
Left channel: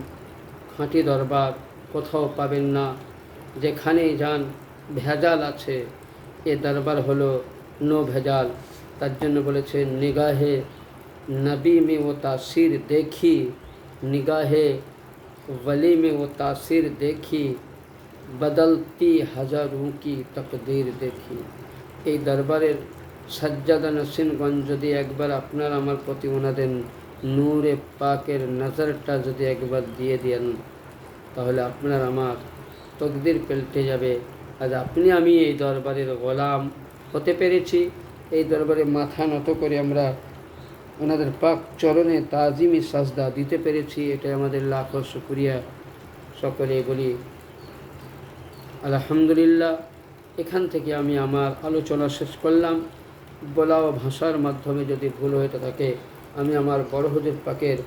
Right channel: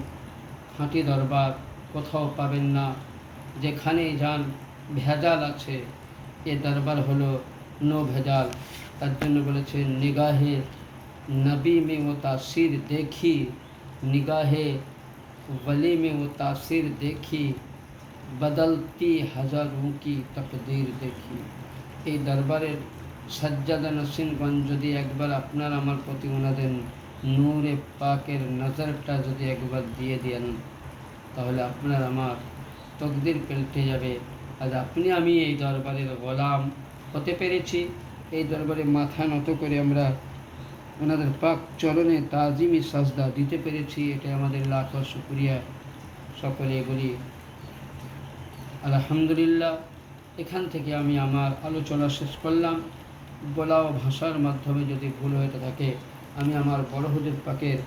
খাঁটি দরবার কোথাও পাবেন না। যেখানেই যান ভেজাল আছে, এ দরবার হলো নো ভেজাল। তার জন্য বলেছে নিগাহে নবী में वो तासीर देखी, निगाहे वली में वो तासीर देखी, बदलती हज़ारों की तकदीर देखी। এই দরবারের সজ্জাদা নসীনগঞ্জ যদি একবার আপনার আমার প্রতি ওনাদের নূরে পাকের নজরটা যদি একবার দিয়ে দেন, তাহলে আপনার আমার তকদির পাল্টে যাবে। আজ আপনি আমি এই দরবারের গোলাম হতে পেরেছি, এই দরবারে মাথা নত করে আমরা ওনাদের পাক চরণে তাজিমি সাজদা দিতে পেরেছি, এটা আমাদের লাখো শুকরিয়া। সকলে বলি আলহামদুলিল্লাহ। এখান থেকে আমি আমার আলোচনা শেষ করলাম। বলা ও ভাষার মাধ্যমে যদি ভুল হয়ে থাকে, আমি আমার বড় হুজুর পাকের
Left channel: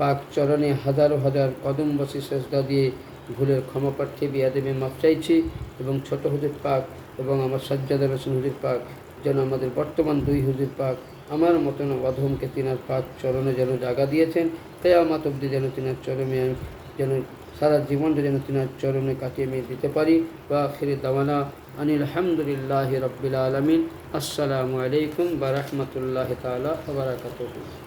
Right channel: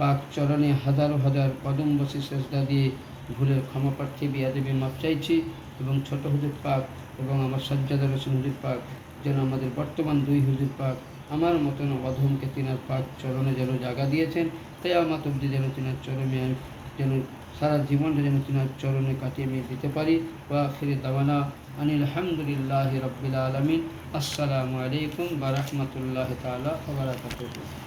পাক চরণে হাজারো হাজার কদম বসি সেজদা দিয়ে ভুলের ক্ষমা প্রার্থী, বিয়াদবি মাপ চাইছি। এবং ছোট হুজুর পাক এবং আমার সজ্জাদা রসুন হুজুর পাক যেন আমাদের বর্তমান দুই হুজুর পাক আমার মতন অধমকে তিনার পাক চরণে যেন জায়গা দিয়েছেন, কিয়ামত অবধি যেন তিনার চরণে যেন সারা জীবনটা যেন তিনার চরণে কাটিয়ে আমি দিতে পারি। ওয়া আখিরি দাওয়ানা আনিল হামদুলিল্লাহি রাব্বিল আলামিন। আসসালামু আলাইকুম ওয়া রাহমাতুল্লাহি তাআলা ওয়া বারাকাতুহু।